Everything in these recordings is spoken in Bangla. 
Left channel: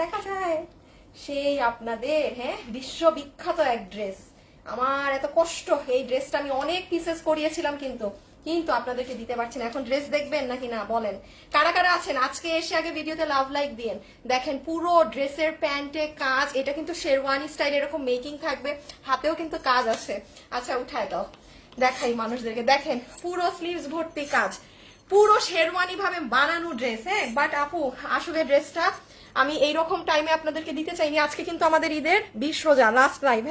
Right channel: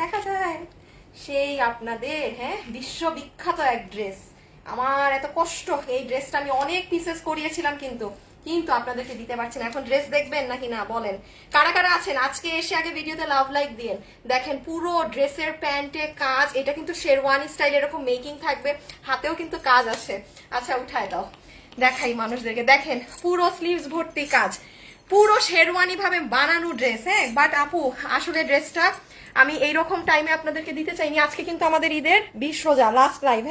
দেখা যায় সেই আপনাদের বিশ্ববিখ্যাত এক ড্রেস। আমার এত কষ্ট, এই ড্রেসটা আমি অনেক পিসেস করিয়েছিলাম কিন্তু কিন্তু আপনাদেরকে দিতে পারছি না। এখন ড্রেস দেখবেন নাকি না বলেন? কারা কারা আছেন আজকে এসে আগে ভিডিওতে লাভ লাইক দিন। দেখেন পুরো ড্রেসের প্যান্টে কাজ, এটা কিন্তু শেরওয়ানি স্টাইল, এরকম মেকিং থাকবে, হাতেও কিন্তু কাজ আছে। আচ্ছা উঠায় দাও, দেখাই মানুষদেরকে। দেখেন পুরো স্লিভস ভর্তি কাজ, পুরো শেরওয়ানি ভাবে বানানো ড্রেস। বাট আপু আসলে ড্রেসটা আমি এইরকম টাইমে আপনাদেরকে দিতে চাইনি। আজকে কিন্তু আমাদের ঈদের 20 রোজা লাস্ট লাইভ।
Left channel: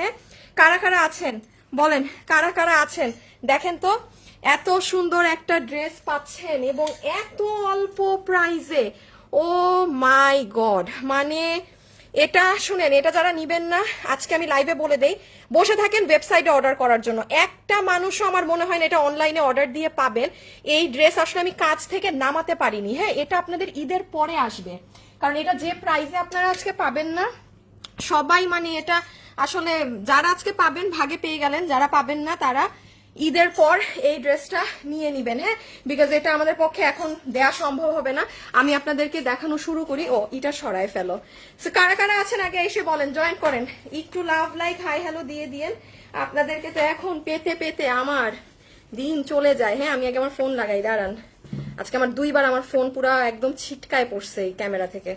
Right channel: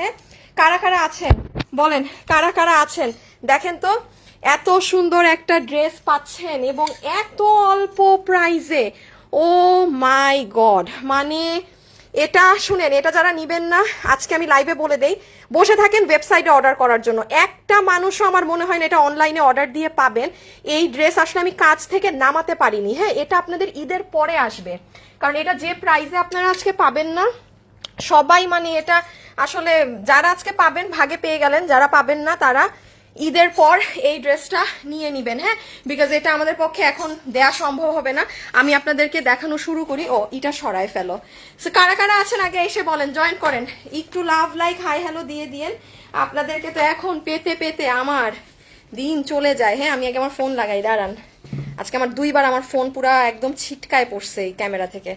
কারা কারা আছেন বলেন, কারা কারা আছেন? দেখেন তো এত সুন্দর একটা ড্রেস পাচ্ছেন এবং এত অল্প প্রাইসে। ও মাই গড, মানে এটা শুনেন, এটা যারা নিবেন না আজকে আমি লাইভে বলে দেই, বসে থাকেন ওয়েবসাইটে অর্ডার করার জন্য। একটা মানুষও আমার মনে হয় না এটা অনলাইনে অর্ডার দিয়ে পাবেন। এই ড্রেস আসলে আমি কাজ থেকে নামাতে পারিনি। এটা আপনাদের ঈদের পরে আসবে, কারণ এটা যে প্রাইসে আপনারা আজকে পাবেন না সবাই, মানে এটা আসলে যারা আজকে পাবেন ভাগে পেয়ে গেলেন, যারা পাবেন না তারা ঈদের পর এই ড্রেসটা নিয়ে নিবেন। বিকজ এটা আমাদের পক্ষে এখন দেয়া সম্ভব হবে না। আমি আপনাদেরকে দেখানো শুরু করি। ও এটা সরাই ফেলো। কারা কারা আছেন আগে এসে বলেন, জয়েন করেন, একটু লাভ লাইক হাই হ্যালো দিয়ে দিয়েন। আপনাদেরকে তো এখন পেতে পেতে আমার দিন চলে যায়। আমি আগে আমার ফোন লাগাই, দাঁড়ান। আজকে আমার 2বার আমার ফোন পুরা একদম ছিটকায় পড়ছে এই ক্যামেরা থেকে।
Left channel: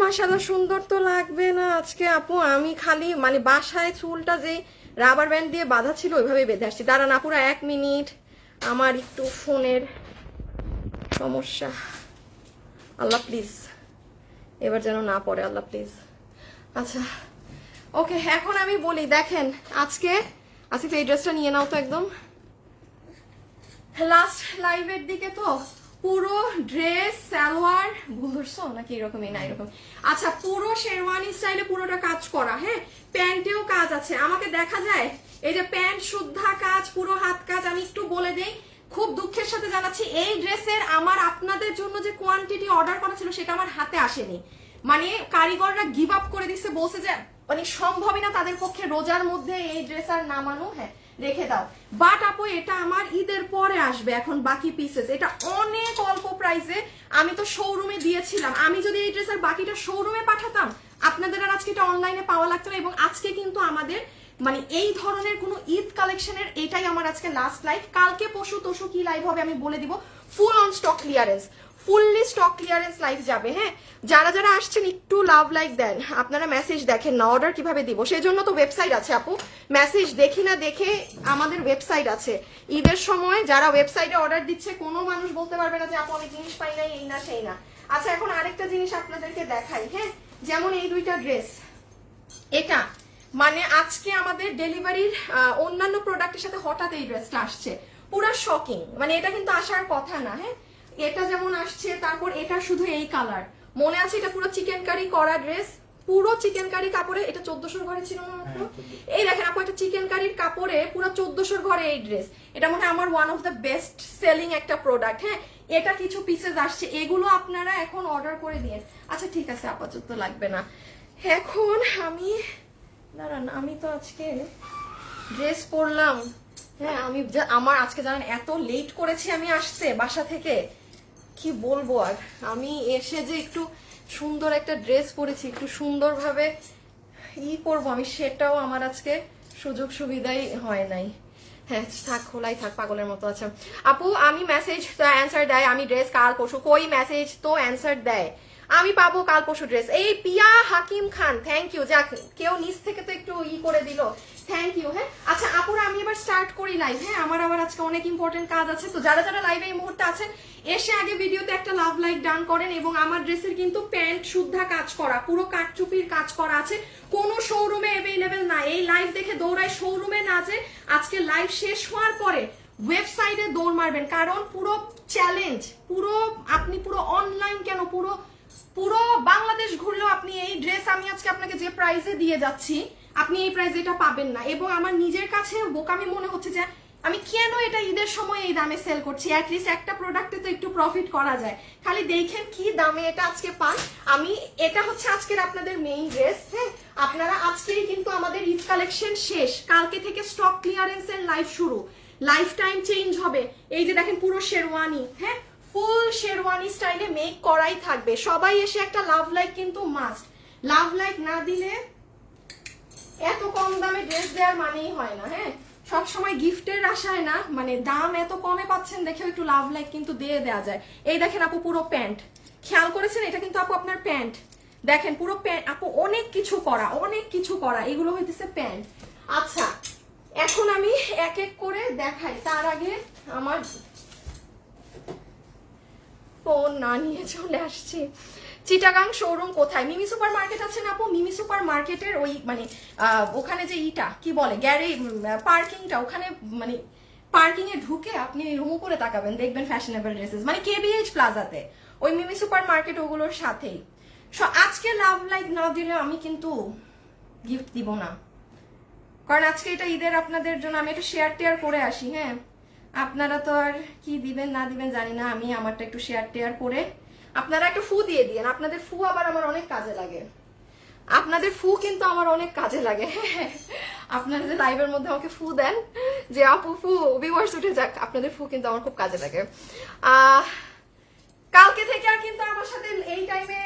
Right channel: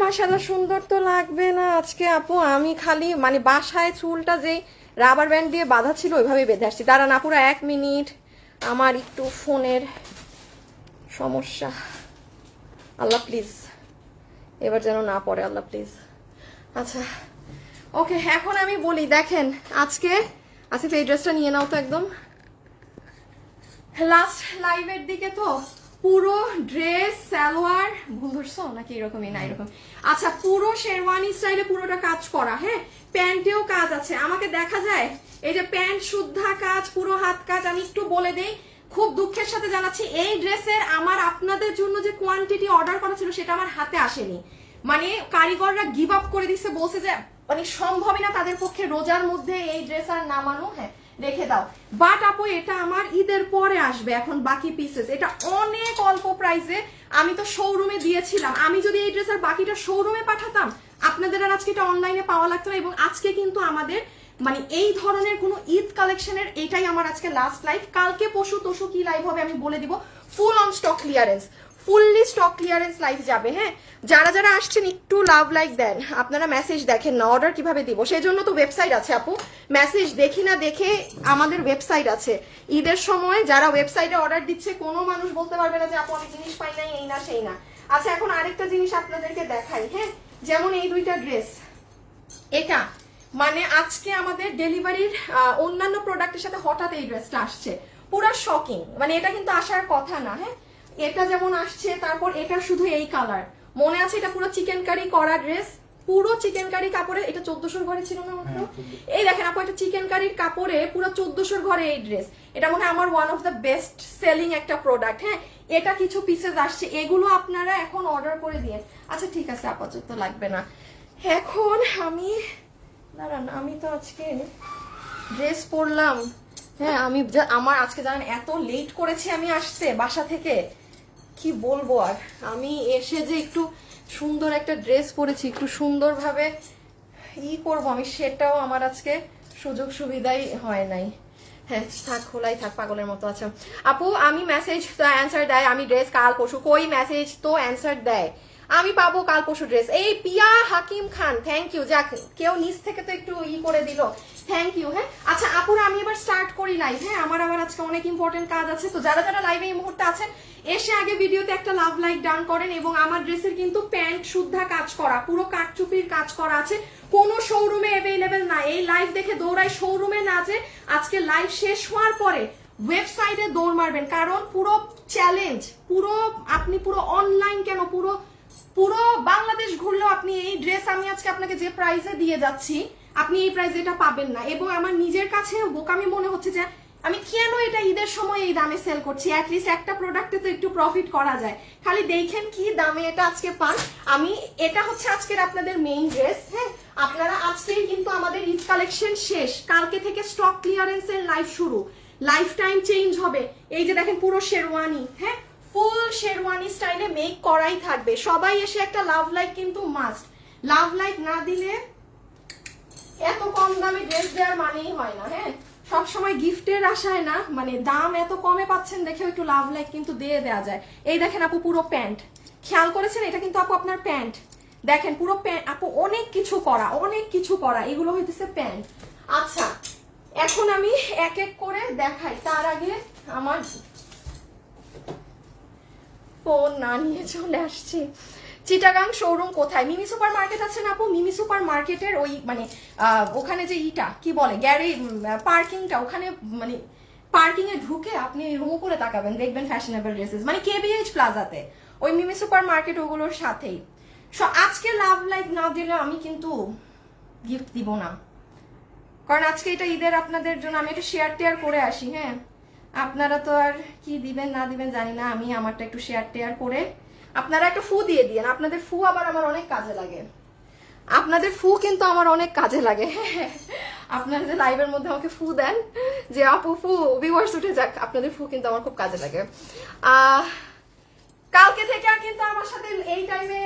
মাশাআল্লাহ, সুন্দর তো লাগবে না আজকে আপু? আমি খালি মানে বাসায় চুলটা যেই রাবার ব্যান্ড দিয়ে বাঁধা ছিল ওইভাবেই বেঁধে আসছি। দাঁড়ান আপুরা 1 মিনিট, আমার একটু ফোনের সমস্যা। আল্লাহ প্লিজ এবার যেন না পড়ে, আল্লাহ প্লিজ। আচ্ছা ওকে, এখন আমি বলি, দেখেন আজকে আসিফ এই ড্রেসটা নিয়ে নাও তো একদম লাস্ট লাইভের দিকে। তো পুরো ড্রেস সালোয়ার ভুল ধরছো নাকি এরকমই? না এরকম। আচ্ছা পুরো শেরওয়ানি স্টাইলে পুরোটা কাজ করা। প্যান্টেও কাজ আছে, আমাকে দেখা যায় এই যে প্যান্ট শুদ্ধা কাজ, পুরো হাত কাজ। আমি একটু বলে দেই, খুব দুঃখের সাথে জানাচ্ছি এই ড্রেসের আমার আপনাদের জন্য যে কোয়ান্টিটি অর্ডার করা ছিল সেটা আমার হাতে আসেনি। মানে কারিগররা গিভ আপ করে দিচ্ছে, বলছে যে মানে সম্ভবই না তাদের পক্ষে রোজার মধ্যে এই ড্রেস আর নামানো। রেখে দাও। বাট আপু এটা আমার ঈদের পরে আসবে এখন বাকি পিসেস। এটা অনেক অল্প প্রাইসে, আমি তো শোরুমে দিয়েছিলাম। আমি যদি এই ড্রেসের বাকিটা শোরুমে পাঠাতাম আপনাদের আর আজকে এটা অনলাইনে পাওয়া লাগতো না। এবং আজকে কিন্তু আমাদের মানে এই ধরনের কোনো ঈদ কালেকশনের এটাই আমার আজকে লাস্ট লাইভ। কালকে পশু তশু কি লাইভ হবে আমি বলে দিব। Full on stock clearance, fully stock clearance live যাবে। যারা যারা আসছেন একটু লাভ লাইক দেন। আপনারা মেসেজ দেখেন না, অর্ডার কিভাবে দিব সেজন্য তো ওয়েবসাইট আছে আপু। মেসেজ দেখি না দেখে আমাদের ওয়েবসাইট আছে। ঈদের সময় যারা ওয়েবসাইটে অর্ডার দিচ্ছে কোনো মানুষ বলতে পারবে না যে আপু আমি জিনিস পাই নাই, এই না সেই না। আচ্ছা এখন আরেকটা জিনিস আপনাদেরকে দেখাই। যেমন এই দুইটা ড্রেস, এটা মানে আজকে আমাদের ডেলিভারির অন্যান্য প্রোডাক্টের সাথে হঠাৎ এই ড্রেসটা আসছে, পুরা শকিং। মানে এটা কিন্তু আসার কথা না। এটা যেমন আসছে, তারপর এটা শুধু এই কালার মনে আছে, এটা পুরো চিকেন কারি করা ড্রেস, পুরো চিকেন কারি কাপড়ে। এটা 1400 ঘরে ছিল না মাত্র? এই দেখেন আপু, এটা চিকেন কারির কাপড়ে পুরো 1400 ঘরে এই ড্রেস। এটা মনে হয় আমার one of the best selling একটা প্রোডাক্ট। এটা কিছু পিসেস আসছে, এগুলো আপনারা এখন অর্ডার করে দিন। আচ্ছা ঠিক আছে, আপাতত লাগবে না। এখন আমি দাঁড়ান, আমি তো আজকে ড্রেস পরলাম। আমি আমার আজকে জানেন এত লেট করেছি আমি আসতে বাসা থেকে, কি বলবো আর। আমি এসে যে একটু সুন্দর একটা ড্রেস পরেছি, একটু সুন্দরভাবে করবো আমি, সেটাও আমার আজকে সুযোগ সুবিধাই হয় নাই। থাক, খোলাই থাক, পাগলের মতো আছে। আপু আমি মেসেজ তো অ্যান্সার দেয়, আমি ড্রেস কাল পরশু, কই মেসেজ তো অ্যান্সার দেয়, আমি পাবো কাল পরশু ড্রেস। এই পিয়া হাকিম খান, থ্যাংক ইউ। যাক কেউ নিচ থেকে তো একটু করে দিল, থ্যাংক ইউ। আচ্ছা আপুরা আমি এবার স্টার্ট করি লাইভ। আমার আবার আজকে অনেক ইম্পর্টেন্ট কাজ আছে। তো যারা যারা লাইভে এই মুহূর্তে আছেন এসে আগে ভিডিওতে একটা লাভ লাইক ডান করেন। এবং আমার ড্রেসের কিন্তু প্যান্ট শুদ্ধা কাজ করা, পুরো কাটচুপির কাজ করা আছে, কোনো শোরুমে অ্যাভেলেবেল না। এই লাইভ দেখে দৌড়াই শোরুমে না, যে আজকে লাইভ শেষ হওয়ার পরে ওয়েবসাইটে দৌড় মারবেন, কারণ পুরো চ্যালেঞ্জ, পুরো আপনি পুরো অনলাইন কেন পুরো পুরো বাংলাদেশ ঘুরলেও আপনি এই ড্রেস আমি আজকে আপনাকে যে প্রাইসে দিয়ে যাচ্ছি আপনি এই প্রাইসে এটা পাবেন না। এবং আমার নিজের কাছে বোকামি মনে হচ্ছে যে আমি কেন এটা ঈদের সময় এই দামে সেল করছি। অ্যাটলিস্ট একটা প্রোডাক্টে তো একটু প্রফিট করা যায়। খালি দেখেন কি দামে এটা আজকে পান। আমি এটা হচ্ছে আজকের আপনাদের মেইন ড্রেস। আপনারা আজকেই কিন্তু আমাদের ঈদ কালেকশন শেষ, কালকে থেকে স্টক ক্লিয়ারেন্স এর লাইভ শুরু, লাইফ টাইম চেঞ্জ হবে। এই যে দেখেন পুরো শেরওয়ানি, ফুল শেরওয়ানি স্টাইলে মেক করাই থাকবে। সবাই এসে একটা লাভ লাইক কিন্তু মাস্ট, লাভ লাইক না দিলে এত কম দামে ড্রেস দেওয়ার মানেই হয় না। হ্যাঁ, সবসময় গিফটের আশায় না, মানে দাম এত কমে পাচ্ছেন দেখে একটু লাভ লাইক কিন্তু দিয়ে দেওয়া যায়। এই দেখেন আপু পুরো প্যান্ট, খেয়াল করেছেন এটা কিন্তু আপু আপনার প্যান্ট, দেখেন পুরো প্যান্ট আপু, অনেক কিছু করা, অনেক কিছু করা, এগুলো হইতেছে প্যান্ট। আচ্ছা এখন আমি এক এক করে দেখাই, তার আগে আমার ফোন না নিয়ে চলে আসছি। চিটাগাং শোরুম কোথায়? মিমি সুপার মার্কেট আছে না আপু, মিমি সুপার মার্কেটের ওই মানে ওখানে যে ইটা কি বলে গ্যারেজ পার্কিংটা, ওখানে মানে পার্কিং এ ঢুকে আপনি রুম করে তাকাবেন, দেখবেন ফ্যাশনেবল ড্রেসেস, মানে কেবিএইচ প্লাজাতে ওই মিমি সুপার মার্কেট ওগুলোর সাথেই। সো আজকে লাভ লাইক না দিলে আমি কিন্তু গিফট দিব না, কারণ আজকে এটা ঈদের আপনাদের জন্য আমি একটু শেয়ার টেয়ার করে আসি। হ্যাঁ, আপনারা তো আর কি দিবেন না দিবেন জানি না, আমি আমারটা একটু শেয়ার টেয়ার করে, আপনারা একটা ফু দিয়ে দিয়েন, আপনাদের ফু আবার আমার অনেক কাজে লাগে, আপনাদের ফু কিন্তু আমার অনেক কাজে লাগে। আপনারা যে লাইভের মধ্যে আমাকে ফু দেন যে আপু ফু ভিউয়ার্স উঠে যাক, আপনাদের ফু কিন্তু আমার খুব কাজে লাগে। কালকে থেকে আর কিন্তু আমার সাথে এই টাইমে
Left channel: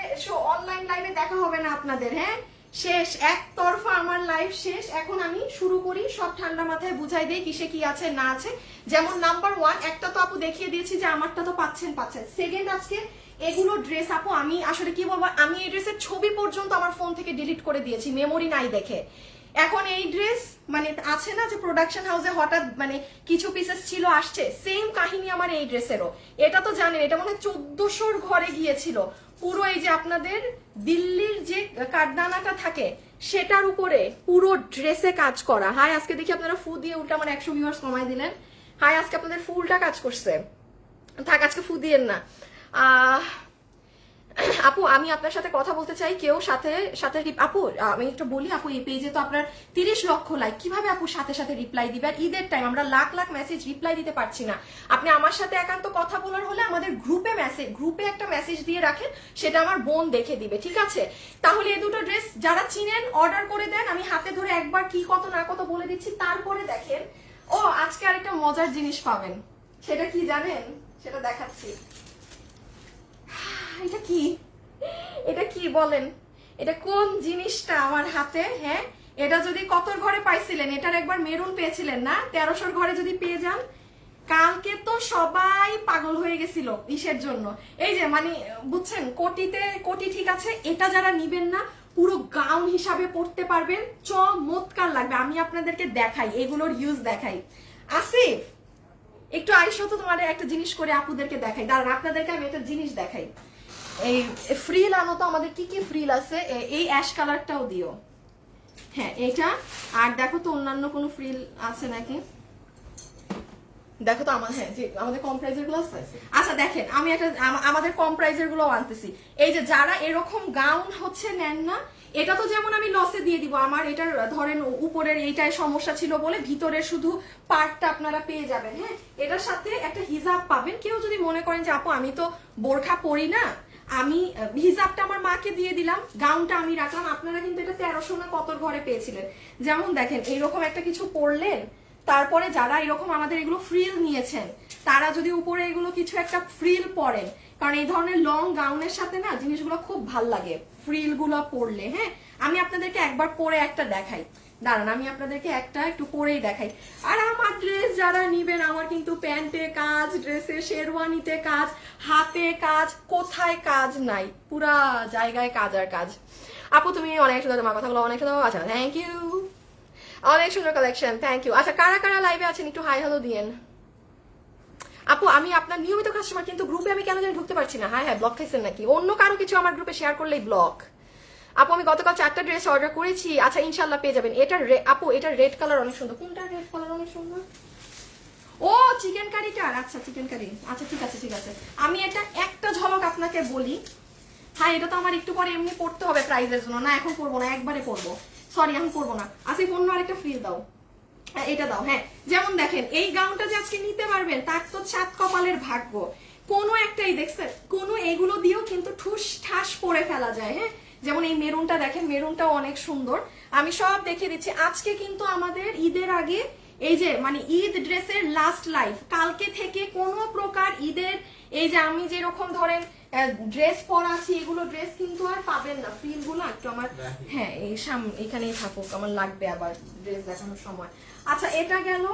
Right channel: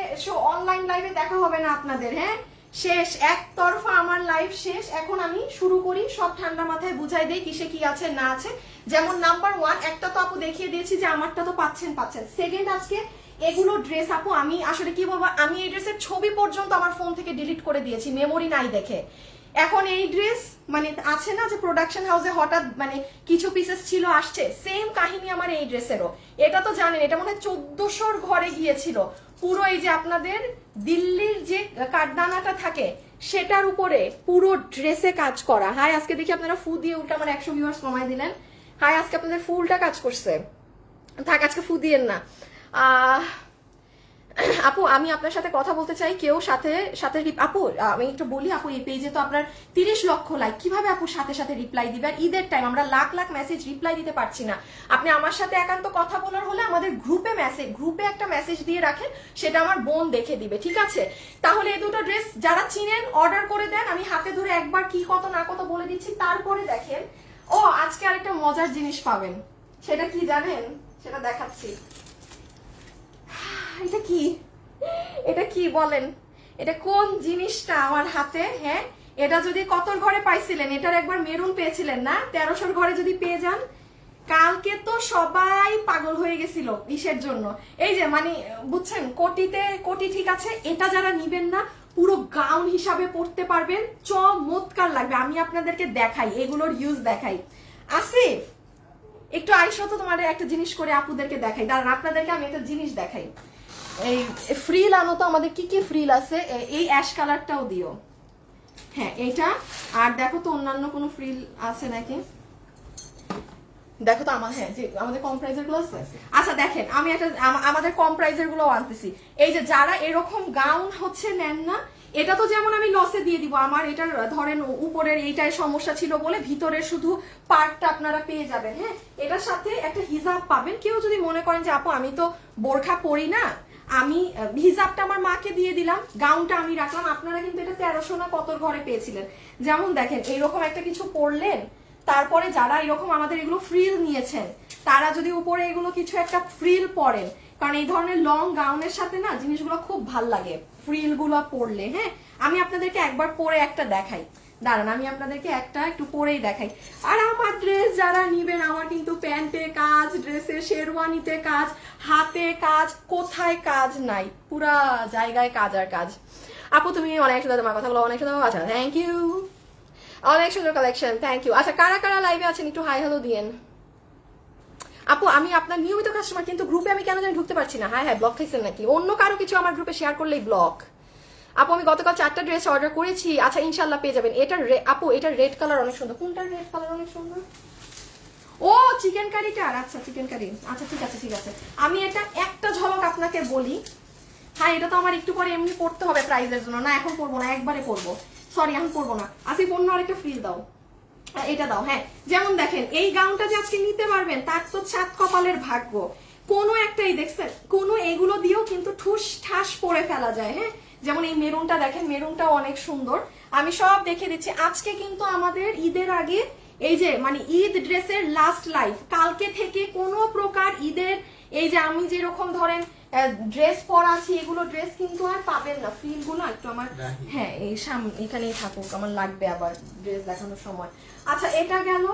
অনলাইন লাইভে দেখা হবে না আপনাদের। হ্যাঁ, শেষ, একতরফা আমার লাইভ শেষ। এখন আমি শুরু করি, সব ঠান্ডা মাথায় বুঝাই দেই কিসে কি আছে না আছে। যেমন নাম্বার 1 একটা তো আপু দেখিয়ে দিয়েছি যে আমারটা তো পাচ্ছেন। সেকেন্ড, আজকে এগুলো ড্রেস আপু আমি আসলে কি বলবো, আমি এই ড্রেসের ছবি পর্যন্ত আমার ফোন থেকে ডিলিট করে দিয়েছি মেমোরি নাই দেখে। এখন এই ড্রেস মানে আছে না যে প্রোডাকশন হাউসে হঠাৎ মানে কিছু পিসেস ছিল আসছে, সেম কাহিনী আমার এই ড্রেসেরও। এটা তো জানেন এটা মনে হয় 1400 ঘরে গিয়েছিল পুরো, এই যে আপনাদের দিল্লির যে কাঠদানাটা থাকে সেটার উপরে পুরো ড্রেসে কাজ করা। হাই আজকে দেখি আপনারা ফু দিয়ে উল্টা আমার 100 ভিউয়ার্স কমাই দিলেন। হাই আজকে আপনাদের ফুলটা কাজ করছে, থাক আজকে ফু দিয়েন না। আপু আমি আপনার সাথে কথা বলতে চাই, কেউ সাথে সাথে আপু আমি একটু বলি আপু, এই পেজে তো আপনার 30 লক্ষ লাইক, কিভাবে আপু সাথে সাথে রিপ্লাই দিবেন? ঈদের টাইম আমরা লাখ লাখ মেসেজ রিপ্লাই দিতে পারছি না। আপনি আমার সাথে একান্ত কথা বলার হলে আমাদের গ্রুপে একটা মেসেজ দিয়ে রাখেন, সেটা আমার বোন দেখে দিবে, ঠিক আছে? তাহলে এই দুটো ড্রেস যারা চিনেন অর্ডার করে দেন, আমি হাতে ধরে একবার কি কত না কত বলে দিচ্ছি, তারপরে দেখেন। ও আজকে আরেকটা মজার জিনিস পাবেন, সেটা কি জানেন? সেটা দেখাচ্ছি। এটা কি, এটা কি বলেন, এটা কোন জিনিসটা আমার হাতে? হ্যাঁ, এটা যদি কত ঘরে পাইছিলেন, এটার একবার মেরুন পেয়েছিলেন না, 1300 ঘরে যদি পেয়ে যান। কালকে তো সবাই পাগল হয়ে গেছিল ইসের জন্য, এই যে মানে বুঝছেন কোটি ঠিক আছে, এটা যারা নিবেন না পুরো গাউন হিসাবে পড়তে পারবেন, চমৎকার লাগবে। আমি আপনাদেরকে দেখাই, এগুলোর ইউজ দেখাই। আসিফ একটু আইসো তো, তোমাদের একটা জিনিস করে আপুদেরকে দেখাই, দাঁড়ান আপনাদেরকে আমি একটা জিনিস দেখাই। এই ফ্রিল আনো তো, আমাদের কি কি ফ্রিল আছে, এই অ্যাশ কালারটাও দিও। হ্যাঁ এটা, আর দেখো তো অন্যান্য কোনো ফ্রিল আছে নাকি, দেখো তো আমার, হ্যাঁ যে আমাদের কম প্রাইজের গুলো আছে। আচ্ছা দেখেন আমি একটা আমাদের কম প্রাইজের গুলো আনতেছি। এই যে যারা এরকম গাউন হচ্ছে নেন না, এটা তো যেমন আমি লসে দিয়ে দিব, আমার এটার ধরেন উপরের এইটাই সমস্যা ছিল বলে ভিতরের শুধু পার্টটা আপনারা পেয়ে যাবেন। হ্যাঁ, এটার সাথে একটা হিজাব পাবেন। কেউ যদি মনে করেন যে আপু আমি তো বোরখা পরি না, আমি হিজাবটা আমার মাকে দিয়ে দিলাম, গাউনটা আমি রাখলাম, আপনারা কিন্তু এটা 1300 না কত ঘরে পেয়েছিলেন। যেমন দেখেন এইরকম একটা কিছু পরলেন, তারপরে যারা এরকম আমাদের এগুলো ফ্রিল নিয়েছেন তারা যদি উপরে এগুলো কিছু একটা ফ্রিল পরেন, কারণ এই ধরনের লং গাউনের সাথে না জিনিসগুলো খুব ভাল লাগে ফ্রিল গুলো পরলে। হ্যাঁ, আমি আপনাদেরকে একবার পরে একটা দেখাই, দাঁড়ান আমি আপনাদেরকে একটা একটু পরেই দেখাই। আর আমার ড্রেস যারা নিবেন, আমার কিন্তু প্যান্টে কাজ, ড্রেসে শেরওয়ানিতে কাজ, হাতে কাজ, কোথায় কাজ নাই, পুরা জায়গায় কাজ আর কাজ। আপু তুমি অনেক সুন্দর, তোমার কথাগুলো অনেক সুন্দর। আচ্ছা থ্যাংক ইউ, অনেক সুন্দর কালেকশন, থ্যাংক ইউ। আচ্ছা কারা কারা লাইভে আছেন একটু হাই হ্যালো দিয়েন। আপু আমি আপনার নিয়মিত কাস্টমার, কিন্তু গ্রুপে আমি কেন জানি ঢুকতে পারছি না। হ্যাঁ হ্যাঁ, ব্লক খাইছেন নাকি? অন্য কারো কিছু আমার গ্রুপে শেয়ার করলেই ব্লক। আপু আমি গতকাল 4টা ড্রেস অর্ডার করেছি, আচ্ছা ইনশাল্লাহ পেয়ে যাবেন। এটার আপু এটার রেড কালার অনেক সুন্দর। কোনটার রেড কালার অনেক সুন্দর? ও চিকেন কারিটার, আচ্ছা চিকেন কারি, আচ্ছা ঠিক আছে ঠিক আছে। আমি এটা একটা ঝলক আপনাকে বলি। হ্যাঁ এটা তো আমার একটু পরে এমনি পড়তে হবে প্রাইজের জন্য, না এখন পড়বো না, একবারে পড়বো, সরি এখন পড়বো না। আসিফ অন্য আরেকটা ফ্রিল দাও, এটা দাও। হ্যাঁ যেমন দেখেন এই গাউনটা যে আজকে নিতে পারবেন তার তো 7 কপালের ভাগ্য, কোনো একটাই দেখছেন, কোনো এগুলো দিয়েও কিন্তু ঠুস ঠাস পরে ফেলা যায়। হ্যাঁ যেমন এই মেরুনটা দেখেন, মেরুনটাও অনেক সুন্দর। আমি সব দেখে দিচ্ছি। আজকে কিন্তু আমাদের ঈদের আগে এই যে মানে ঈদ ড্রেসের লাস্ট লাইভ, কালকে থেকে কোনো প্রকার ঈদের এই যে আমি যেরকম ধরেন ড্রেস পরা আছি, এগুলো ড্রেস কিন্তু আর পাবেন না। ফিল গুলো একটু আমার, হ্যাঁ এই এখানেই থাকুক, আমার লাগবে আবার ড্রেস দেখানোর সময়। আচ্ছা এটা গেল।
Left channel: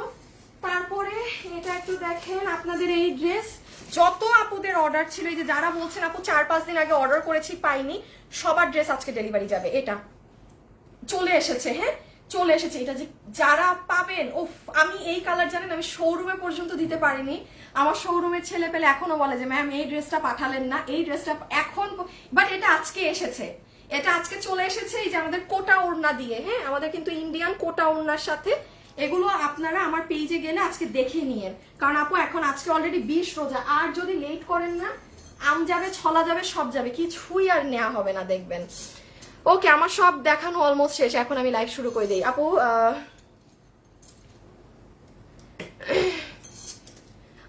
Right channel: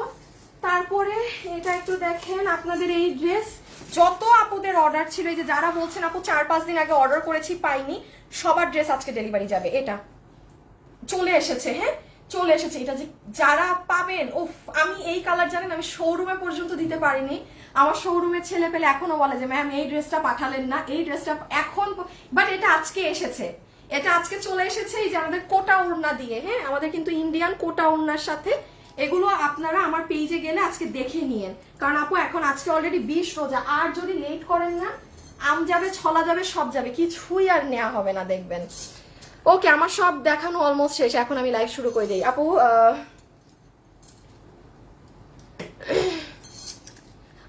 তারপরে এটা একটু দেখেন, আপনাদের এই ড্রেস যত আপুদের অর্ডার ছিল, এই যে যারা বলছেন আপু 4-5 দিন আগে অর্ডার করেছি পাইনি, সবার ড্রেস আজকে ডেলিভারি যাবে। এটা চলে এসেছে, হ্যাঁ চলে এসেছে। এটা যে যারা পাবেন, উফ আমি এই কালার জানেন আমি শোরুমে পর্যন্ত দিতে পারিনি। আমার শোরুমের ছেলে পেলে এখনো বলে যে ম্যাম এই ড্রেসটা পাঠালেন না, এই ড্রেসটা এখন, বাট এটা আজকে এসেছে, এটা আজকে চলে এসেছে। এই যে আমাদের কোটা ওড়না দিয়ে, হ্যাঁ আমাদের কিন্তু ইন্ডিয়ান কোটা ওড়নার সাথে এগুলো আপনারা আমার পেজে গেলে আজকে দেখে নিয়েন, কারণ আপু এখন আজকে অলরেডি 20 রোজা, আর যদি লেট করেন না আম যাবে, ছলা যাবে, সব যাবে, কিছুই আর নেওয়া হবে না দেখবেন। ওকে আমার সব দেখানো অলমোস্ট শেষ, এখন আমি লাইভ শুরু করে দিই। আপু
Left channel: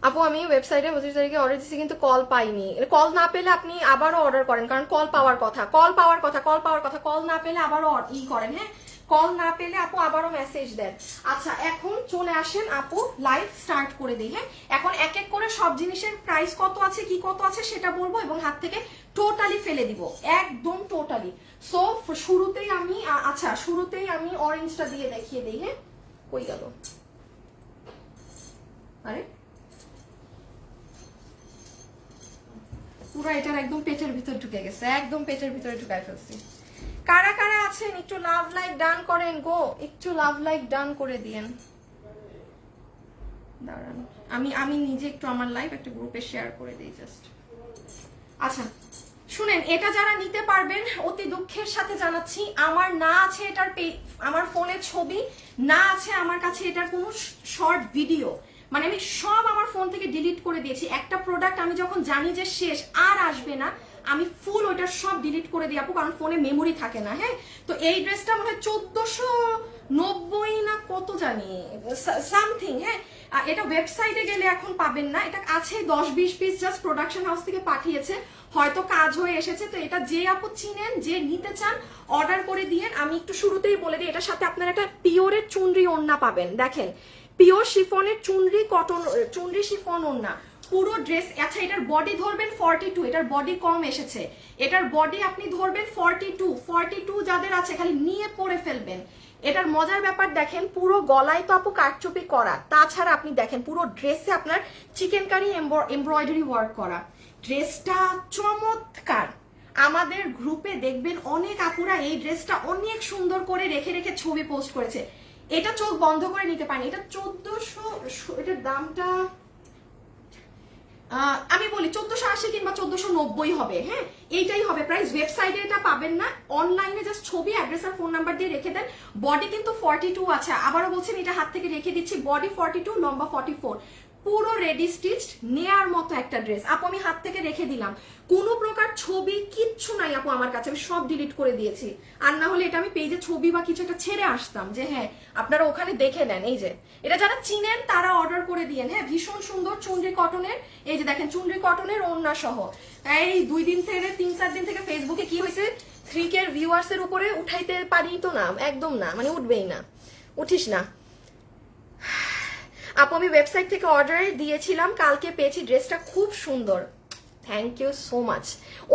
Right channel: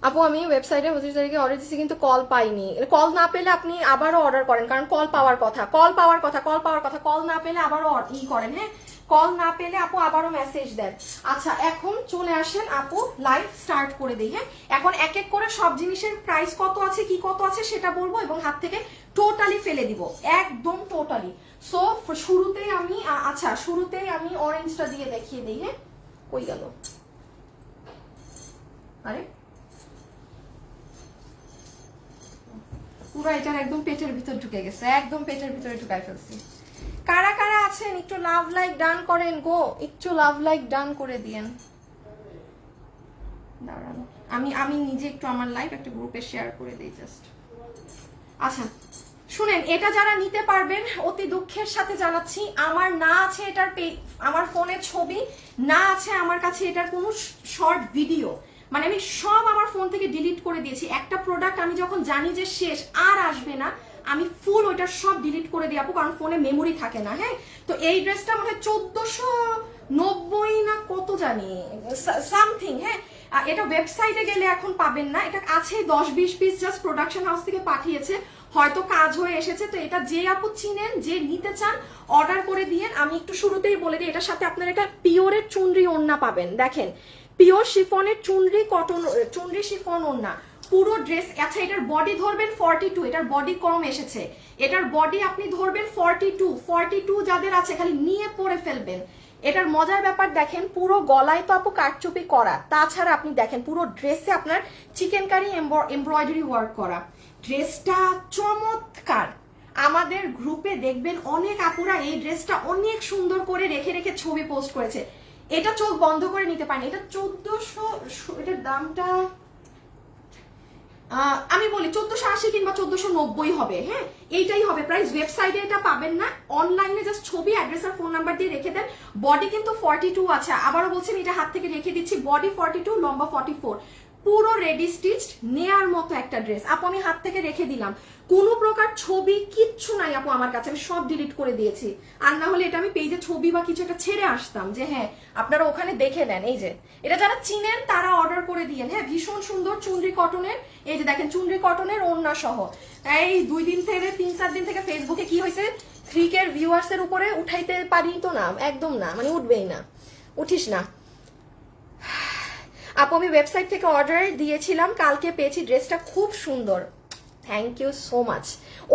আপু আমি ওয়েবসাইটে 25 তারিখে অর্ডার দিচ্ছি কিন্তু কল পাইনি। কল না পেলে আপনি আবারও অর্ডার করেন, কারণ কল পাওয়ার কথা, কল পাওয়ার কথা, কল পাওয়ার কথা। কল না পেলে আবারও করেন, হ্যাঁ কল না পেলে আপু আবারও মেসেজ দেন। আচ্ছা এখন চলে আসেন আপু, লাইভ স্টার্ট করে দিই। হ্যাঁ এখন এক এক করে সব জিনিসের প্রাইস কত আছে কি কত আছে সেটা বলবো, এবং হাত থেকে টোটালি ফেলে দিব, একদম টোটালি। সো শুরুতেই আমি, আচ্ছা শুরুতেই আমি অরেঞ্জটা দিয়ে দেখিয়ে দিই। হ্যাঁ কই গেল, আরে পুরো এটার একদম পেটের ভিতর ঢুকে গেছে, একদম পেটের ভিতরে ঢুকাই ফেলছি। কারা কারা আছেন একটু লাভ লাইক ডান করেন গো, একটু লাভ লাইক ডান করে দিয়েন। দাঁড়ান আমি নিজে একটু আমার লাইভ একটা গ্রুপে শেয়ার করে দিই জাস্ট। আচ্ছা শুনেন, এটা যারা নিতে পারবেন অতি দুঃখের সাথে জানাচ্ছি, আমার না আছে এটার আমার ফোনের ছবি, না আছে আমার কাছে এটার কোনো শর্ট ভিডিও, মানে আমি সব আমার ফোন থেকে ডিলিট করে দিয়েছি। একটা প্রোডাক্ট আমি যখন জানি যে শেষ আর আসবে না, আমি ফুল ওইটা সব ডিলিট করে দিই আপু, কারণ ফোনে মেমোরি থাকে না। হ্যাঁ তো এই ড্রেসটা মনে হয় 1490 না কত জানি সামথিং। হ্যাঁ এটা ওয়েবসাইটে গেলে এখন পাবেন না, এটা আছে 10-20 পিস, জাস্ট প্রোডাকশন হাউস থেকে পাঠিয়েছে, হয়তো কাজ হয়ে এসেছে। তো এটা যে আপু চিনেন, যে নিতে চান অর্ডার করে দিয়েন। আমি একটু শুরুতেই বলে দিই, এটার সাথে আপনারা একটা পিওরের চুনরি ওড়না পাবেন, দেখেন পিওর শিফনের চুনরি কটন, চুনরি শিফন ওড়না পুরো ড্রেস। আচ্ছা এটার বডি ধরবেন 42, এটার বডি কম এসেছে, এটার বডি আপনি ধরবেন 42 যাদের আছে খালি নিয়ে পরে ফেলবেন। এটার মজার ব্যাপার দেখেন, পুরো গলায় তো আপু কারচুপি করা, তাছাড়া আপনি দেখেন পুরো ড্রেসে আপনার চিকেন কারি এমব্রয়ডারি ওয়ার্ক করা। ড্রেসটা চমৎকার, আমাদের গ্রুপে দেখবেন অনেক আপুরা এই ড্রেসটা অনেক সুন্দর করে রেখে রেখে ছবি পোস্ট করেছে। এটা চোখ বন্ধ করে নিতে পারি, এটা 1400, এটার দামটা আমি বলি 1480 কিংবা 1490 হবে। হ্যাঁ এইটাই হবে প্রাইস, ওয়েবসাইটে এটা পাবেন না, অনলাইনে জাস্ট ছবি, অ্যাড্রেস আর ফোন নাম্বার দিয়ে রেখে দেন। বডি কিন্তু 42 আছে, আবারও বলছেন এটা হাত থেকে রেখে দিচ্ছি, বডি 42 লম্বা 44, পুরো রেডি স্টিচড নেয়ার মতো একটা ড্রেস। আপু আমি হাত থেকে রেখে দিলাম, কোনো প্রকার ছবি কিচ্ছু নাই আপু আমার কাছে, আমি সব ডিলিট করে দিয়েছি। আর না হলে এটা আমি পেজে ছবি বা কিছু একটা ছেড়ে আসতাম যে হ্যাঁ আপনারা ওখানে দেখে নেন। এই যে এটা যারা চিনেন তারা অর্ডার করে দিয়েন। হ্যাঁ ভীষণ সুন্দর চুনরি কটনের, এই যে দেখেন চুনরি কটনের ওড়না সহ। এই 2 দিন থেকে 3-4 দিন থেকে ফেসবুকে কি হয়েছে, 3K ভিউয়ার্স এর উপরে উঠাইতে পারি তো না, একদম না, মানে উঠবেই না, উঠিস না আপু। আমি ওয়েবসাইট থেকে অর্ডার দিয়েছিলাম, কালকে পেয়েছি, ড্রেসটা খুব সুন্দর, থ্যাংক ইউ সো মাচ।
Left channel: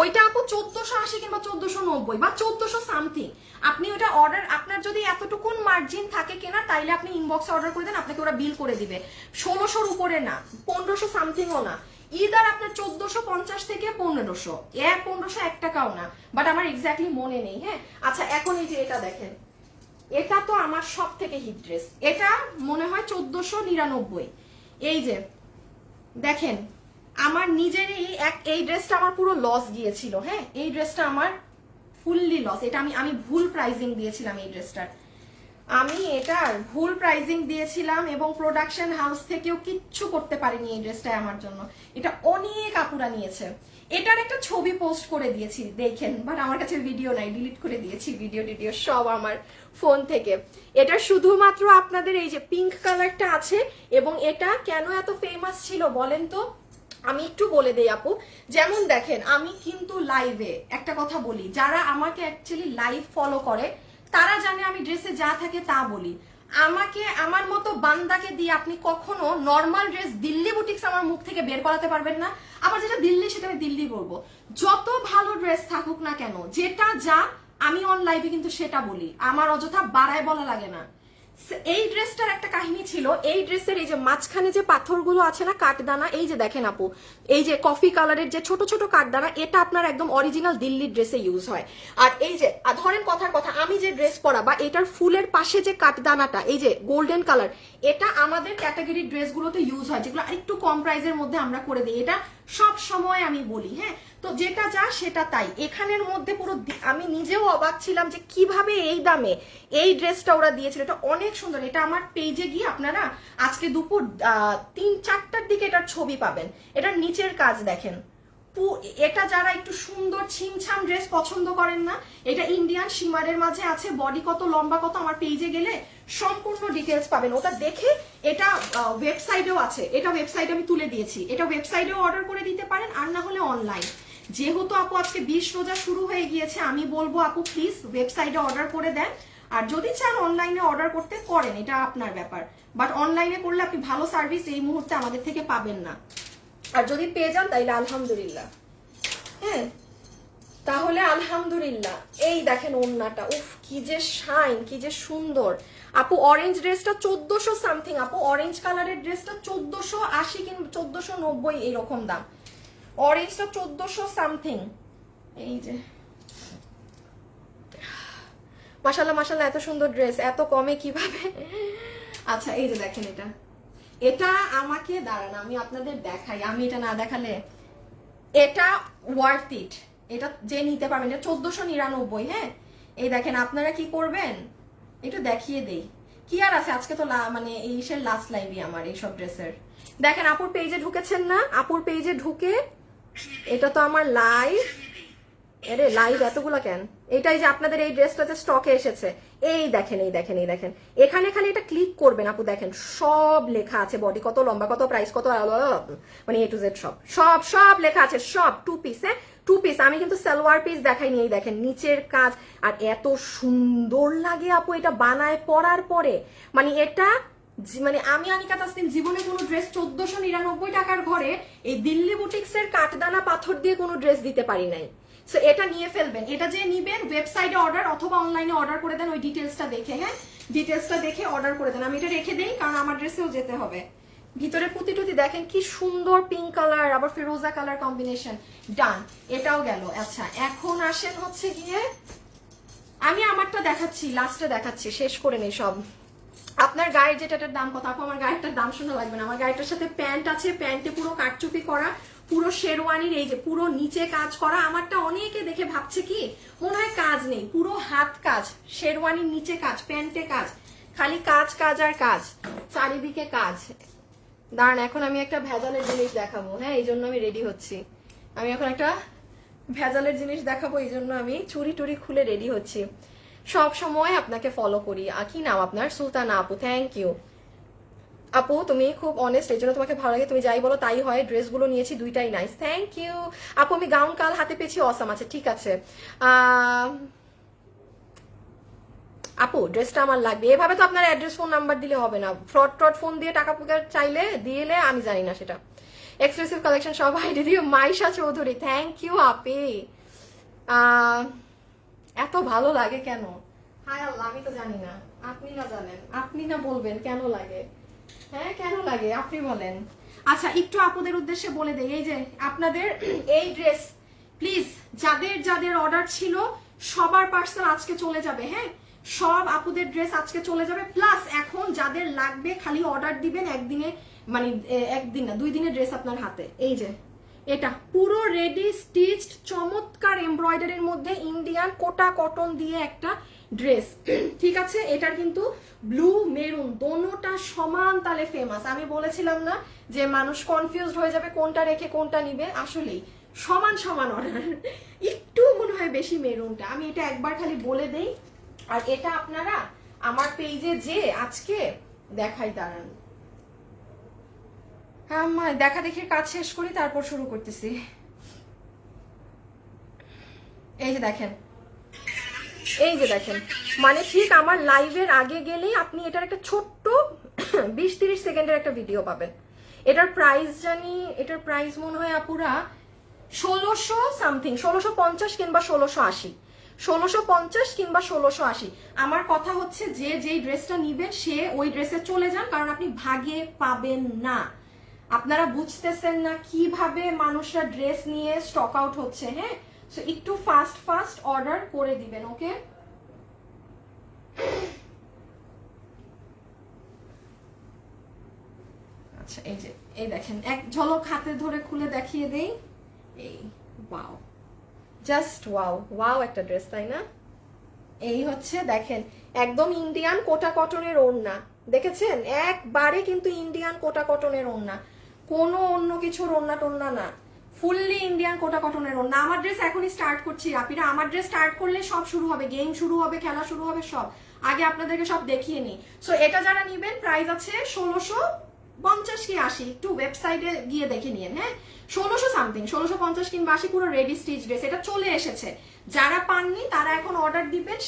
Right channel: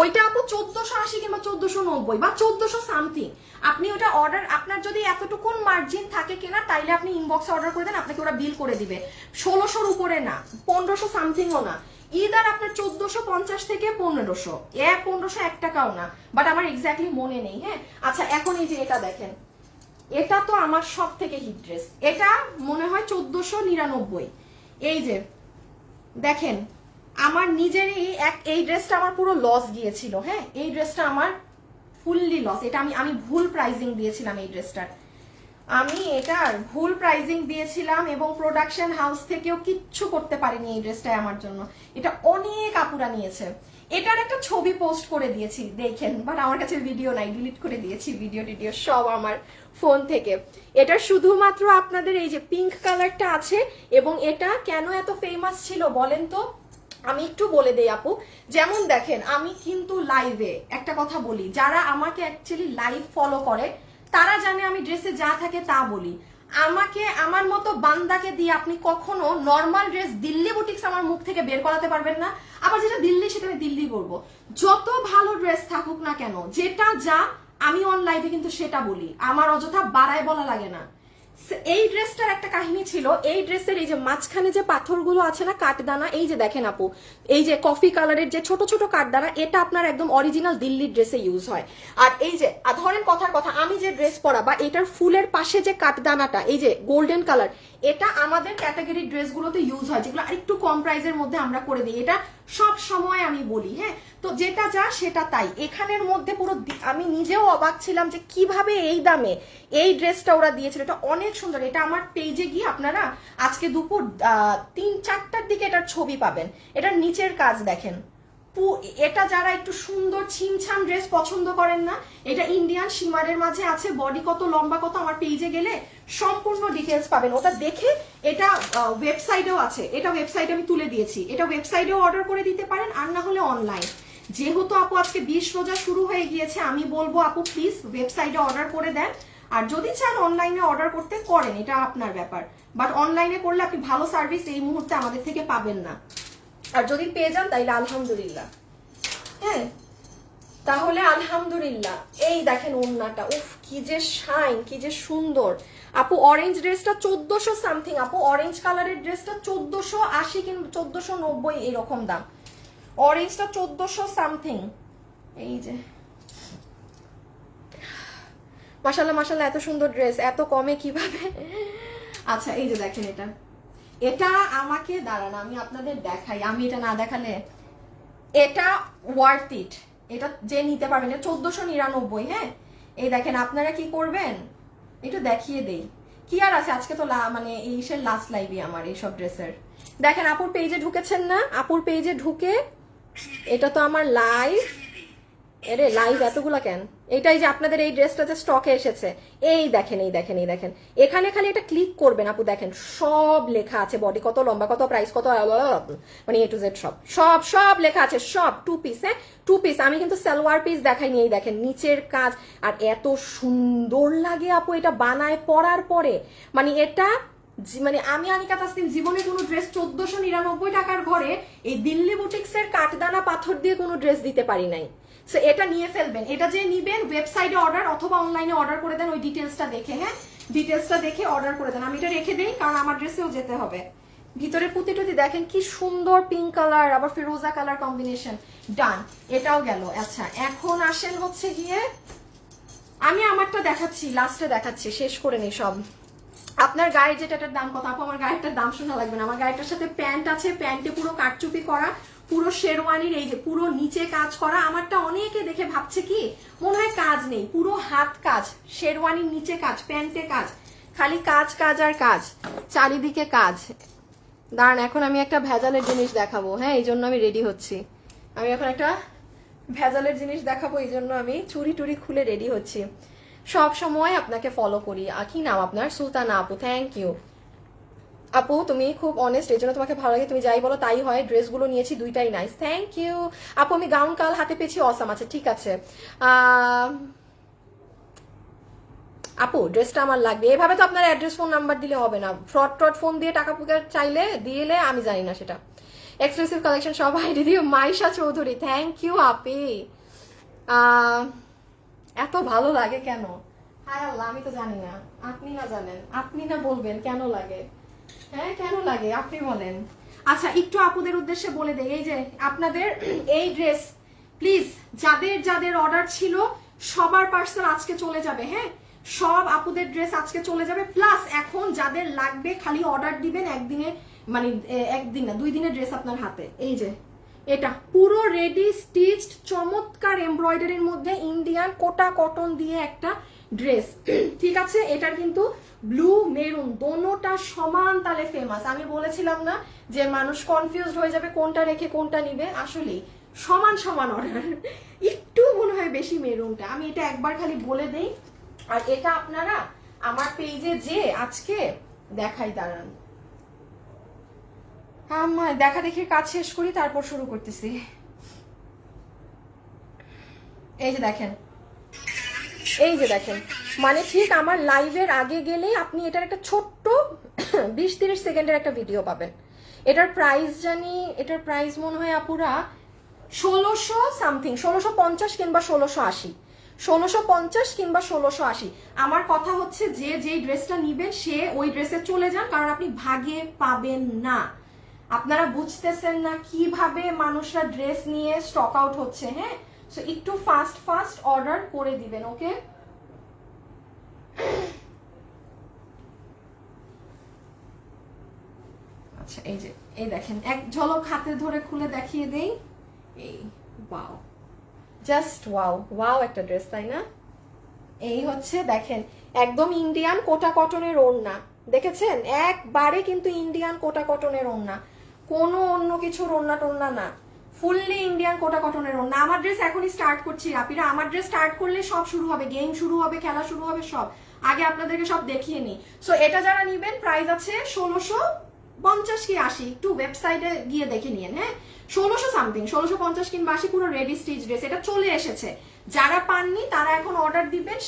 ওইটা আপু 1480 কিংবা 1490 বা 1400 সামথিং, আপনি ওটা অর্ডার, আপনার যদি এতটুকুন মার্জিন থাকে কিনা তাইলে আপনি ইনবক্সে অর্ডার করে দেন, আপনাকে ওরা বিল করে দিবে। 1600-র উপরে না, 1500 সামথিংও না, ইদার আপনার 1450 থেকে 1500, 1500 1 টাকাও না, বাট আমার এক্স্যাক্টলি মনে নেই। হ্যাঁ আচ্ছা এখন এই যে এটা দেখেন, এটা তো আমার সব থেকে হিট ড্রেস, এটা মনে হয় 1499। এই যে দেখেন আমার নিজেরই এই ড্রেসটা আমার পুরো লস গিয়েছিল। হ্যাঁ এই ড্রেসটা আমার ফুললি লস, এটা আমি ভুল প্রাইজিং দিয়েছিলাম, এই ড্রেসটার আমি এটার ভুল প্রাইজিং দিয়েছিলাম, এবং প্রোডাকশন হাউস থেকেও কিচ্ছু করতে পারিনি এই ড্রেসটাই আমার জন্য। এটা অনেক আপুরা নিয়েছে, এটার একটা ছবি পোস্ট করে দিয়েছি দেখেন, বাট আমার কাছে ভিডিও নাই, ডিলিট করে দিয়েছি ভিডিও সব আমার ফোন থেকে। এটা শুধুমাত্র আপনাদের এই যে পিঙ্ক কালারটা আছে, এবং এটা কেন এত ফেমাস ছিল বলেন তো, আমি একটু বলে দেই আপু। যেমন দেখেন আমি কিন্তু লাইভে একটা কথা বলি, যারা আমাকে অ্যাকচুয়ালি লাইভ ফলো করে তারা জানে আমি ড্রেসে যা থাকে তা বলি। আমাকে আমার মতো বান্দাকে দিয়ে আপনি কখনো নর্মাল ড্রেস দিল্লি বুটিক্স আমার মুখ থেকে বের করাতে পারবেন না। আবার যেটা দিল্লি সেটা আমি দিল্লি বলবো। যত ভালো ড্রেস থাকুক না কেন, যেটা যা আমি অন লাইভে কিন্তু সেটা বলি, আমার অযথা বাড়ায় বলা লাগে না। এই ড্রেসটার একটা কাহিনী ছিল, এই ড্রেসের এই যে মাঝখানে যে পাথরগুলো আছে না কাঠদানা, এই যে দেখেন আপু, এই যে কফি কালারের যে ছোট ছোট কাঠদানা, এটা আপনার একদম অরিজিনাল দিল্লির ড্রেসে ইউজ হয়। আর এই যে ধরেন কথার কথা, আমি যে ড্রেস পরা বা এটার ফুলের পাশে যে কাঠদানাটা, এই যে গোল্ডেন কালার, এটা আমাদের ক্যাটাগরি ড্রেসগুলোতে ইউজ হয়, যেগুলো একটু কম প্রাইসের মধ্যে আমরা করে দিই। এটা সব সময় আমি বলি, হ্যাঁ। তো যেটা যা সেটা তাই। এখানের মধ্যে পুরো আমি নিজেও অবাক ছিলাম যে কিভাবে এই দামে এই ড্রেসটা ওরা দিয়েছিল। এটা অনেক সুন্দর। এটা আমার পেজে গিয়ে আপনারা আজকে দুপুর 3-4টার দিকে এটার ছবি পাবেন। এটার নিচের কাজ দেখেন। এটা যারা একটু সুন্দর ছিমছাম ড্রেস পছন্দ করেন না, এটা ইন্ডিয়ান শিমারের মাঝে আছে, বডি কত লম্বা কত আমার পেজে গেলে সম্পূর্ণ ডিটেলস পাবেন। ওটা দেখে এটা ওয়েবসাইটেও আছে, এটা ওয়েবসাইটে আমি তুলে দিয়েছি, এটা ওয়েবসাইটেও অর্ডার করে দিতে পারেন, আর না হলে অনলাইন। যেহেতু আপু আজকে 20 রোজা শুরু হয়ে গিয়েছে, আমি বলবো আপু প্লিজ ওয়েবসাইটে অর্ডার করে দেন, আর যদি চান অনলাইনে অর্ডার করতে করেন, এটা আপনার ব্যাপার। বাট অনলাইনে করলে আপনি ভালো সার্ভিস এই মুহূর্তে আমাদের থেকে পাবেন না, আর যদি পেয়ে যান তাইলে আলহামদুলিল্লাহ। হ্যাঁ, তাহলে আলহামদুলিল্লাহ। এই দেখেন ওড়নাটা, উফ কি যে শাইন, কি যে সুন্দর। আপু অরেঞ্জ ড্রেসটা 1400 সামথিং, আপু অরেঞ্জ কালারের ড্রেসটা 1480 কিংবা 1490 এরকম দাম। অরেঞ্জটা 1400 সামথিং। এই যে মাশাআল্লাহ মাশাআল্লাহ, এত সুন্দর ড্রেস এত কমে কিভাবে। আচ্ছা এই যে দেখেন, এটা এটা আমাকে দাঁড়ান আমি আপনাদের দেখাই, আমি এটা না দেখালে, এটা ওয়ার্থ ইট, এটা যে নিতে পারবেন। 1499। হ্যাঁ, এই দেখেন আপনারা কি করবেন একটু দেখিয়ে দেই। কি আর আছে, আজকে তো মানে এই লাস্ট লাইভই আমার এইসব ড্রেসের। দেখেন আপুর পেজে ঢুকেছেন না, আপুর পেজে ঢুকে, এটা তো আমার লাইভ, এরে লাইভ এতগুলো কেন, এটাই যে আপনাদের এই ড্রেসটা যে স্টকে এসেছে, এই দেখেন এই দেখেন এই দেখেন, এখানে খালি এটা ক্লিক করবেন আপু, দেখেন সব লেখা আছে, বডি কত লম্বা কত প্রাইস কত, মানে এ টু জেড সব সব সব লেখা আছে, সব 2 পিস। হ্যাঁ 2 পিস, আমি কিন্তু সালোয়ার পিস দেখাইনি। এই দেখেন নিচের কাজ, আর এত সুন্দর লাগে আপু এটা বানায় পরার পরে, মানে এটা মানে আমি আনিকা তাসনিম জীবনে কোনো ড্রেস 1499 টাকার ঘরে এই দিল্লি বুটিক্সের কাঠদানা পাথর দিয়ে কোনো ড্রেস দিতে পারি নাই। সো এটা নিয়ে ফেলবেন, এটা যে নিবেন ওয়েবসাইটে অর্ডার অথবা অনলাইনে অর্ডার করে দেন, ওই ডিটেলসটা দেখে। হ্যাঁ ডিটেলসটা দেখে অর্ডার করে দেন। আমি এটা রেখে দেই কারণ আমার ড্রেসেও যেতে হবে। ভিতরে পুঁতি টুতি দেখেন কি সুন্দর, পিঙ্ক কালার আবার ফিরোজা কালার কম্বিনেশন। ডান, এটাও গেল। আচ্ছা এখন আসেন হচ্ছে গিয়ে, আমি আমারটা দেখাচ্ছি, লাস্টে দেখাচ্ছি, শেষ করে নেই সব। আপনার গায়ে যেটার দাম কত আপু? আমার গায়েরটার দাম শোনা লাগবে না, আমার গায়েরটার সাথে প্যান্ট আছে, প্যান্টে পুরো কাটচুপি করা, পুরো শেরওয়ানির এই যে পুরো নিচে কাজ করা। আমারটা অনেকে দেখে ভাবছে কি মনে হয় কাজ নেই, পুরো হাত কাজ, শেরওয়ানির নিচে কাজ, প্যান্টে কাজ, খালি কাজ কাজ আর কাজ, চারিদিকে কাজ। দাঁড়ান এখন আমি একটা ভেজালের জিনিস দেখাবো। হ্যাঁ এই জন্য আমি রেডি হচ্ছি, আমি এখন একটা ভেজালের জিনিস দেখাবো, এই জন্য আমি চুরি টুরি খুলে রেডি হচ্ছি। সব সময় আপনাকে ফলো করি। কি নাম আপনার? সুলতানা আপু, থ্যাংক ইউ আপু, তুমি খুব অনেস্ট, এই জন্য তোমাকে ভালো লাগে, তুমি যাই বলো তাই হয়। ড্রেসগুলো নিয়েছি দুইটাই নাইস, থ্যাংক ইউ আপু। আমি গাউন কাল হাতে পেয়েছি, অসাম আছে, ঠিক আছে আপু ড্রেসটা আমার লাগবে। এভাবে তো আপনার অ্যাড্রেস ফোন নাম্বার দিলে হবে না, ফ্রড ট্রড ফোন দিয়ে টাকা পুকা চাইলে দিলে আমি জানি না সেটা। এক্সক্লুসিভ কালেকশন সবাই দিদি। মাইশা চৌধুরী, থ্যাংক ইউ আপি। এত ভালো লাগে কেন? হায় আল্লাহ, আমি তো জানি না, আপনি না জানেন, আপনি না বলবেন কেন লাগে। হ্যাঁ কেন লাগে আপনি বলেন। আচ্ছা একটু আপুদের উদ্দেশ্যে বলে দেই, এই যে আপনাদের এই ড্রেস প্লিজ যাদের যাদের অর্ডার ছিল সবার পার্সেল আজকে চলে যাবে। হ্যাঁ সব আপুদের ড্রেস আজকে চলে যাবে। প্লাস এখন যাদের লাগবে খালি অর্ডার দিবেন, একদিনে মানে একদিন না 2 দিনের ড্রেস আপনার হাতে। এই যে এটা পুরো রেডি স্টিচড চমৎকার এমব্রয়ডারির মধ্যে ইন্ডিয়ান কোটা কটন দিয়ে একটা ড্রেস, ঠিক আছে। এটার কিন্তু ব্লু মেরুন দোনোটা সমান তালে ফেমাস। আমি বলেছিলাম না যে মানুষ কনফিউজড হয়ে যাবে কোনটা রেখে কোনটা নিবে, আসলেই সমান সমান অর্ডার, একটু মনে হয় বেশি মেরুনটা। আমি এটা একবার খালি বলে দেই। আর এটা আপনারা আমার পেজে যে আজকে দেখাই, দাঁড়ান হ্যাঁ দেখা দেখির কাজ শেষ করি তারপর শুরু করতেছি। এই যে দেখেন এই যে দেখেন, মানে ঠিক আমার লাইভের আগে গেলেই আপনি এটার একটা ছোট্ট 20-30 সেকেন্ডের একটা ভিডিও পাবেন। এটার প্রাইস মনে হয় আপুরা 1600 সামথিং, 1650 কিংবা 1680, 1650 কিংবা 1680। আমার কথা হচ্ছে যে যেই ড্রেসটা নিবেন সে ওই ড্রেসে চলে যান, কারণ আপনি ভাগে পাবেন না। আপনারা বুঝতেছেন না কিভাবে মানুষরা ড্রেস নিয়ে স্টক আউট হচ্ছে। হ্যাঁ, সো একটু ফাস্ট অর্ডার করে দিবেন, ওকে? আচ্ছা, এই দেখেন, এক ঝলক হাতে ধরে খুলে দেখিয়ে দেই। এই ওয়াও, জাস্ট ওয়াও একটা ড্রেস, তাই না? এই হচ্ছে দেখেন, একদম ইন্ডিয়ান কোটা কটনের ওড়না, দেখেছেন? একবারে কিন্তু ইন্ডিয়ান কোটা কটনের ওড়না, কোনো অন্য কিছুর ওড়না টোড়না না, ফুললি ইন্ডিয়ান কোটা কটনের ওড়না। আমার ড্রেস এখনই স্টার্ট করছি আপিরা, আমার ড্রেস স্টার্ট করলে সব শুরু হবে, গেম শুরু হবে, খেলা শুরু হবে, সব আগে আপনাদেরকে সব দেখিয়ে নিই। সো এটা যারা নিবেন প্রাইস আছে 1650 কি 80, একটু ওয়েবসাইটে গিয়ে দেখে নিন। হ্যাঁ, 1600 সামথিং, 1650 কিংবা 80, পুরো রেডি স্টিচ ড্রেস। এটা চলে এসেছে, যারা পাননি তারা এখন অর্ডার দিবেন,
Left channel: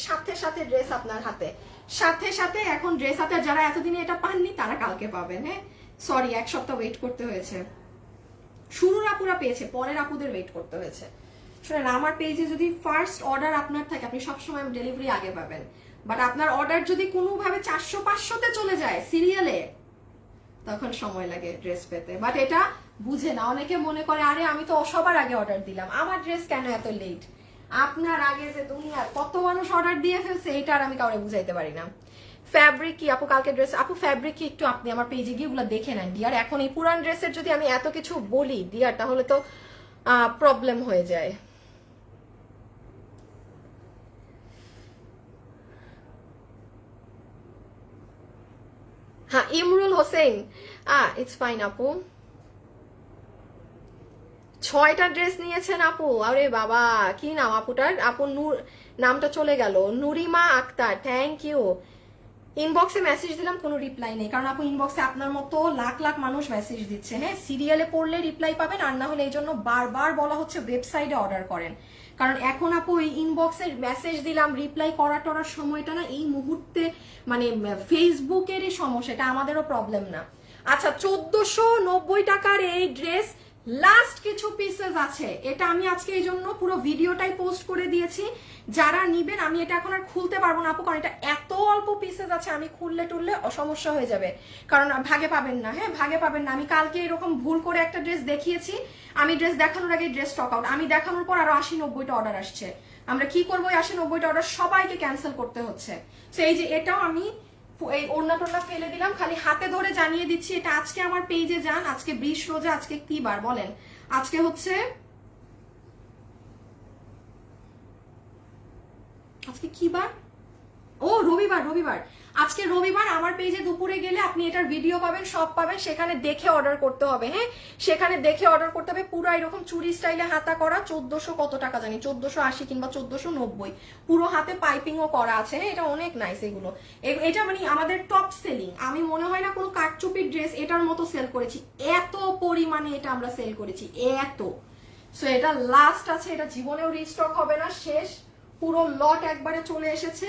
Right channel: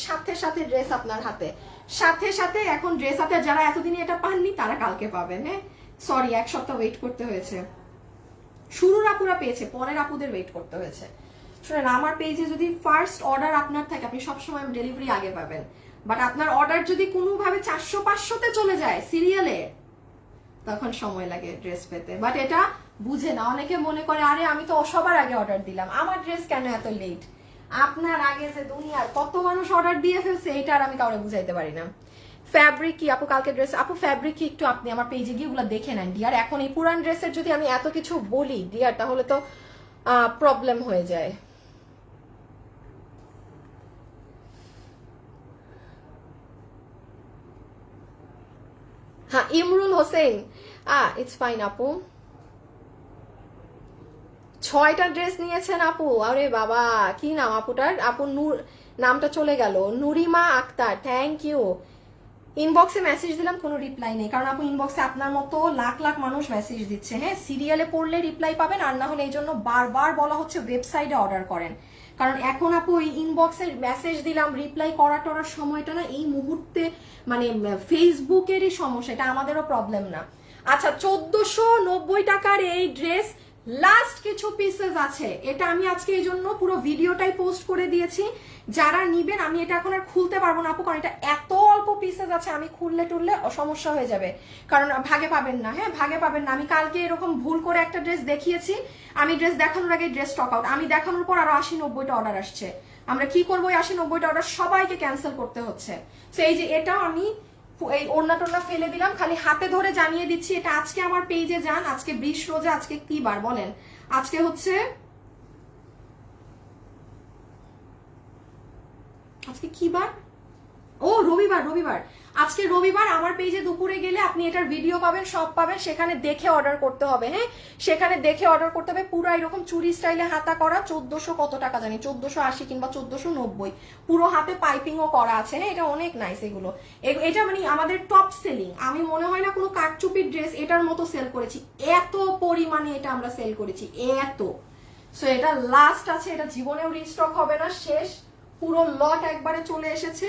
সাথে ড্রেস আপনার হাতে, সাথে এখন ড্রেস হাতে। যারা এতদিনে এটা পাননি তারা কালকে পাবেন। হ্যাঁ, সরি, 1 সপ্তাহ ওয়েট করতে হয়েছে। শুরুর আপুরা পেয়েছে, পরের আপুদের ওয়েট করতে হয়েছে। শুনেন, আমার পেজে যদি ফার্স্ট অর্ডার আপনার থাকে, আপনি সবসময় ডেলিভারি আগে পাবেন। বাট আপনার অর্ডার যদি কোনোভাবে 400-500-তে চলে যায় সিরিয়ালে, তখন সময় লাগে ড্রেস পেতে। বাট এটা বুঝে না, অনেকে মনে করে আরে আমি তো সবার আগে অর্ডার দিলাম, আমার ড্রেস কেন এত লেট? আপনার আগে যে দুনিয়ার কত মানুষ অর্ডার দিয়ে ফেলছে, এটা আর আমি কাউকে বুঝাইতে পারি না। ফ্যাব্রিক কি আপু কালকে ড্রেস? আপু ফ্যাব্রিক কি একটু আপনি আমার পেজে গিয়ে ওগুলো দেখে নেন ডিয়ার। এখন এই পুরান ড্রেসের যদি আমি এত কিছু বলি ডিয়ার, তাহলে তো প্রবলেম হয়ে যায়। হ্যাঁ, ইমরুল হোসেন, ইটস ফাইন আপু। 6টা ড্রেস নিয়েছেন আপু? আরে বাবা, কি নাম আপুটার? আপু নামটা চলে গেল, নুরিমা আক্তার, থ্যাংক ইউ। ইনবক্সে মেসেজ দিলাম, কোনো রিপ্লাই নেই, কারণ আপু ইনবক্সে আপনার মতো লাখ লাখ মানুষ মেসেজ দিচ্ছে। হ্যাঁ, সিরিয়ালে পড়লে রিপ্লাই পাবেন, আর না হলে এই জন্য বারবার বলা হচ্ছে ওয়েবসাইটে অর্ডার করেন। কারণ এখন আপু ওই ইনবক্সে মেসেজ দিলাম, রিপ্লাই করার সময়টা না এই মুহূর্তে মানে ফেসবুকেরই সমস্যা, এটা আমাদেরও প্রবলেম না। আচ্ছা, 1490 টাকার এই ড্রেস লাস্ট কিছু পিসেস আছে। এটা আমি আজকে এই জন্য পুরো ভিডিওটাই পোস্ট করে দিয়েছি। যারা নিবেন, আমি এটা এখন আর খুলতে পারবো না আপু, কারণ এটা এত অল্প পিসেস আছে, আমি খুললে টুললে সমস্যা হয়ে যাবে, কারণ ভাগে পাবেন না। হ্যাঁ, ভাগে পাবেন না। আমি কালকে এরকম ভুল করে একটা ড্রেস দেখিয়েছি, আমি ড্রেস দেখানোর আগে ড্রেস স্টক আউট, আমি দেখানোর পর আরো 80-90টা অর্ডার আসছে। আমরা কি করবো? 80-90টা অর্ডার সবাইকে ক্যান্সেল করতে হচ্ছে। তো এই যে এটাও আমি এই ওড়না টোড়না ফেলে দিলাম, খালি হাতে ধরে জানিয়ে দিচ্ছি, এটা আজকে আমার পেজে যান। আজকে 20 রোজা, আজকে কি বার বলেন? আজকে হচ্ছে কি বার? ও রবিবার। আজকে রবিবার। আমার পেজে দুপুরে গেলে আপনি এটার ভিডিও পাবেন, সব পাবেন, সেখানে দেখে অর্ডার করতে হবে। হ্যাঁ, সেখানে দেখে অর্ডার করতে হবে। পুরো এরকম চুরি স্টাইলে হাতা করা, 1400 কত টাকা জানি, 1480 কিংবা 1490, পুরো হাতে পাইপিংও করা আছে। হ্যাঁ, এটা অনেক নাইস। এটা মানে আমাদের টপ সেলিং। আমি মনে হয় না কোনো কারচুপির ড্রেস এটার মতো সেল করেছি, এত পরিমাণে এটা আমরা সেল করেছি, এত। সো এটা লাস্ট আছে, এটা জীবনেও রিস্টক হবে না, শেষ, পুরো লট একবারে চলে এসেছে।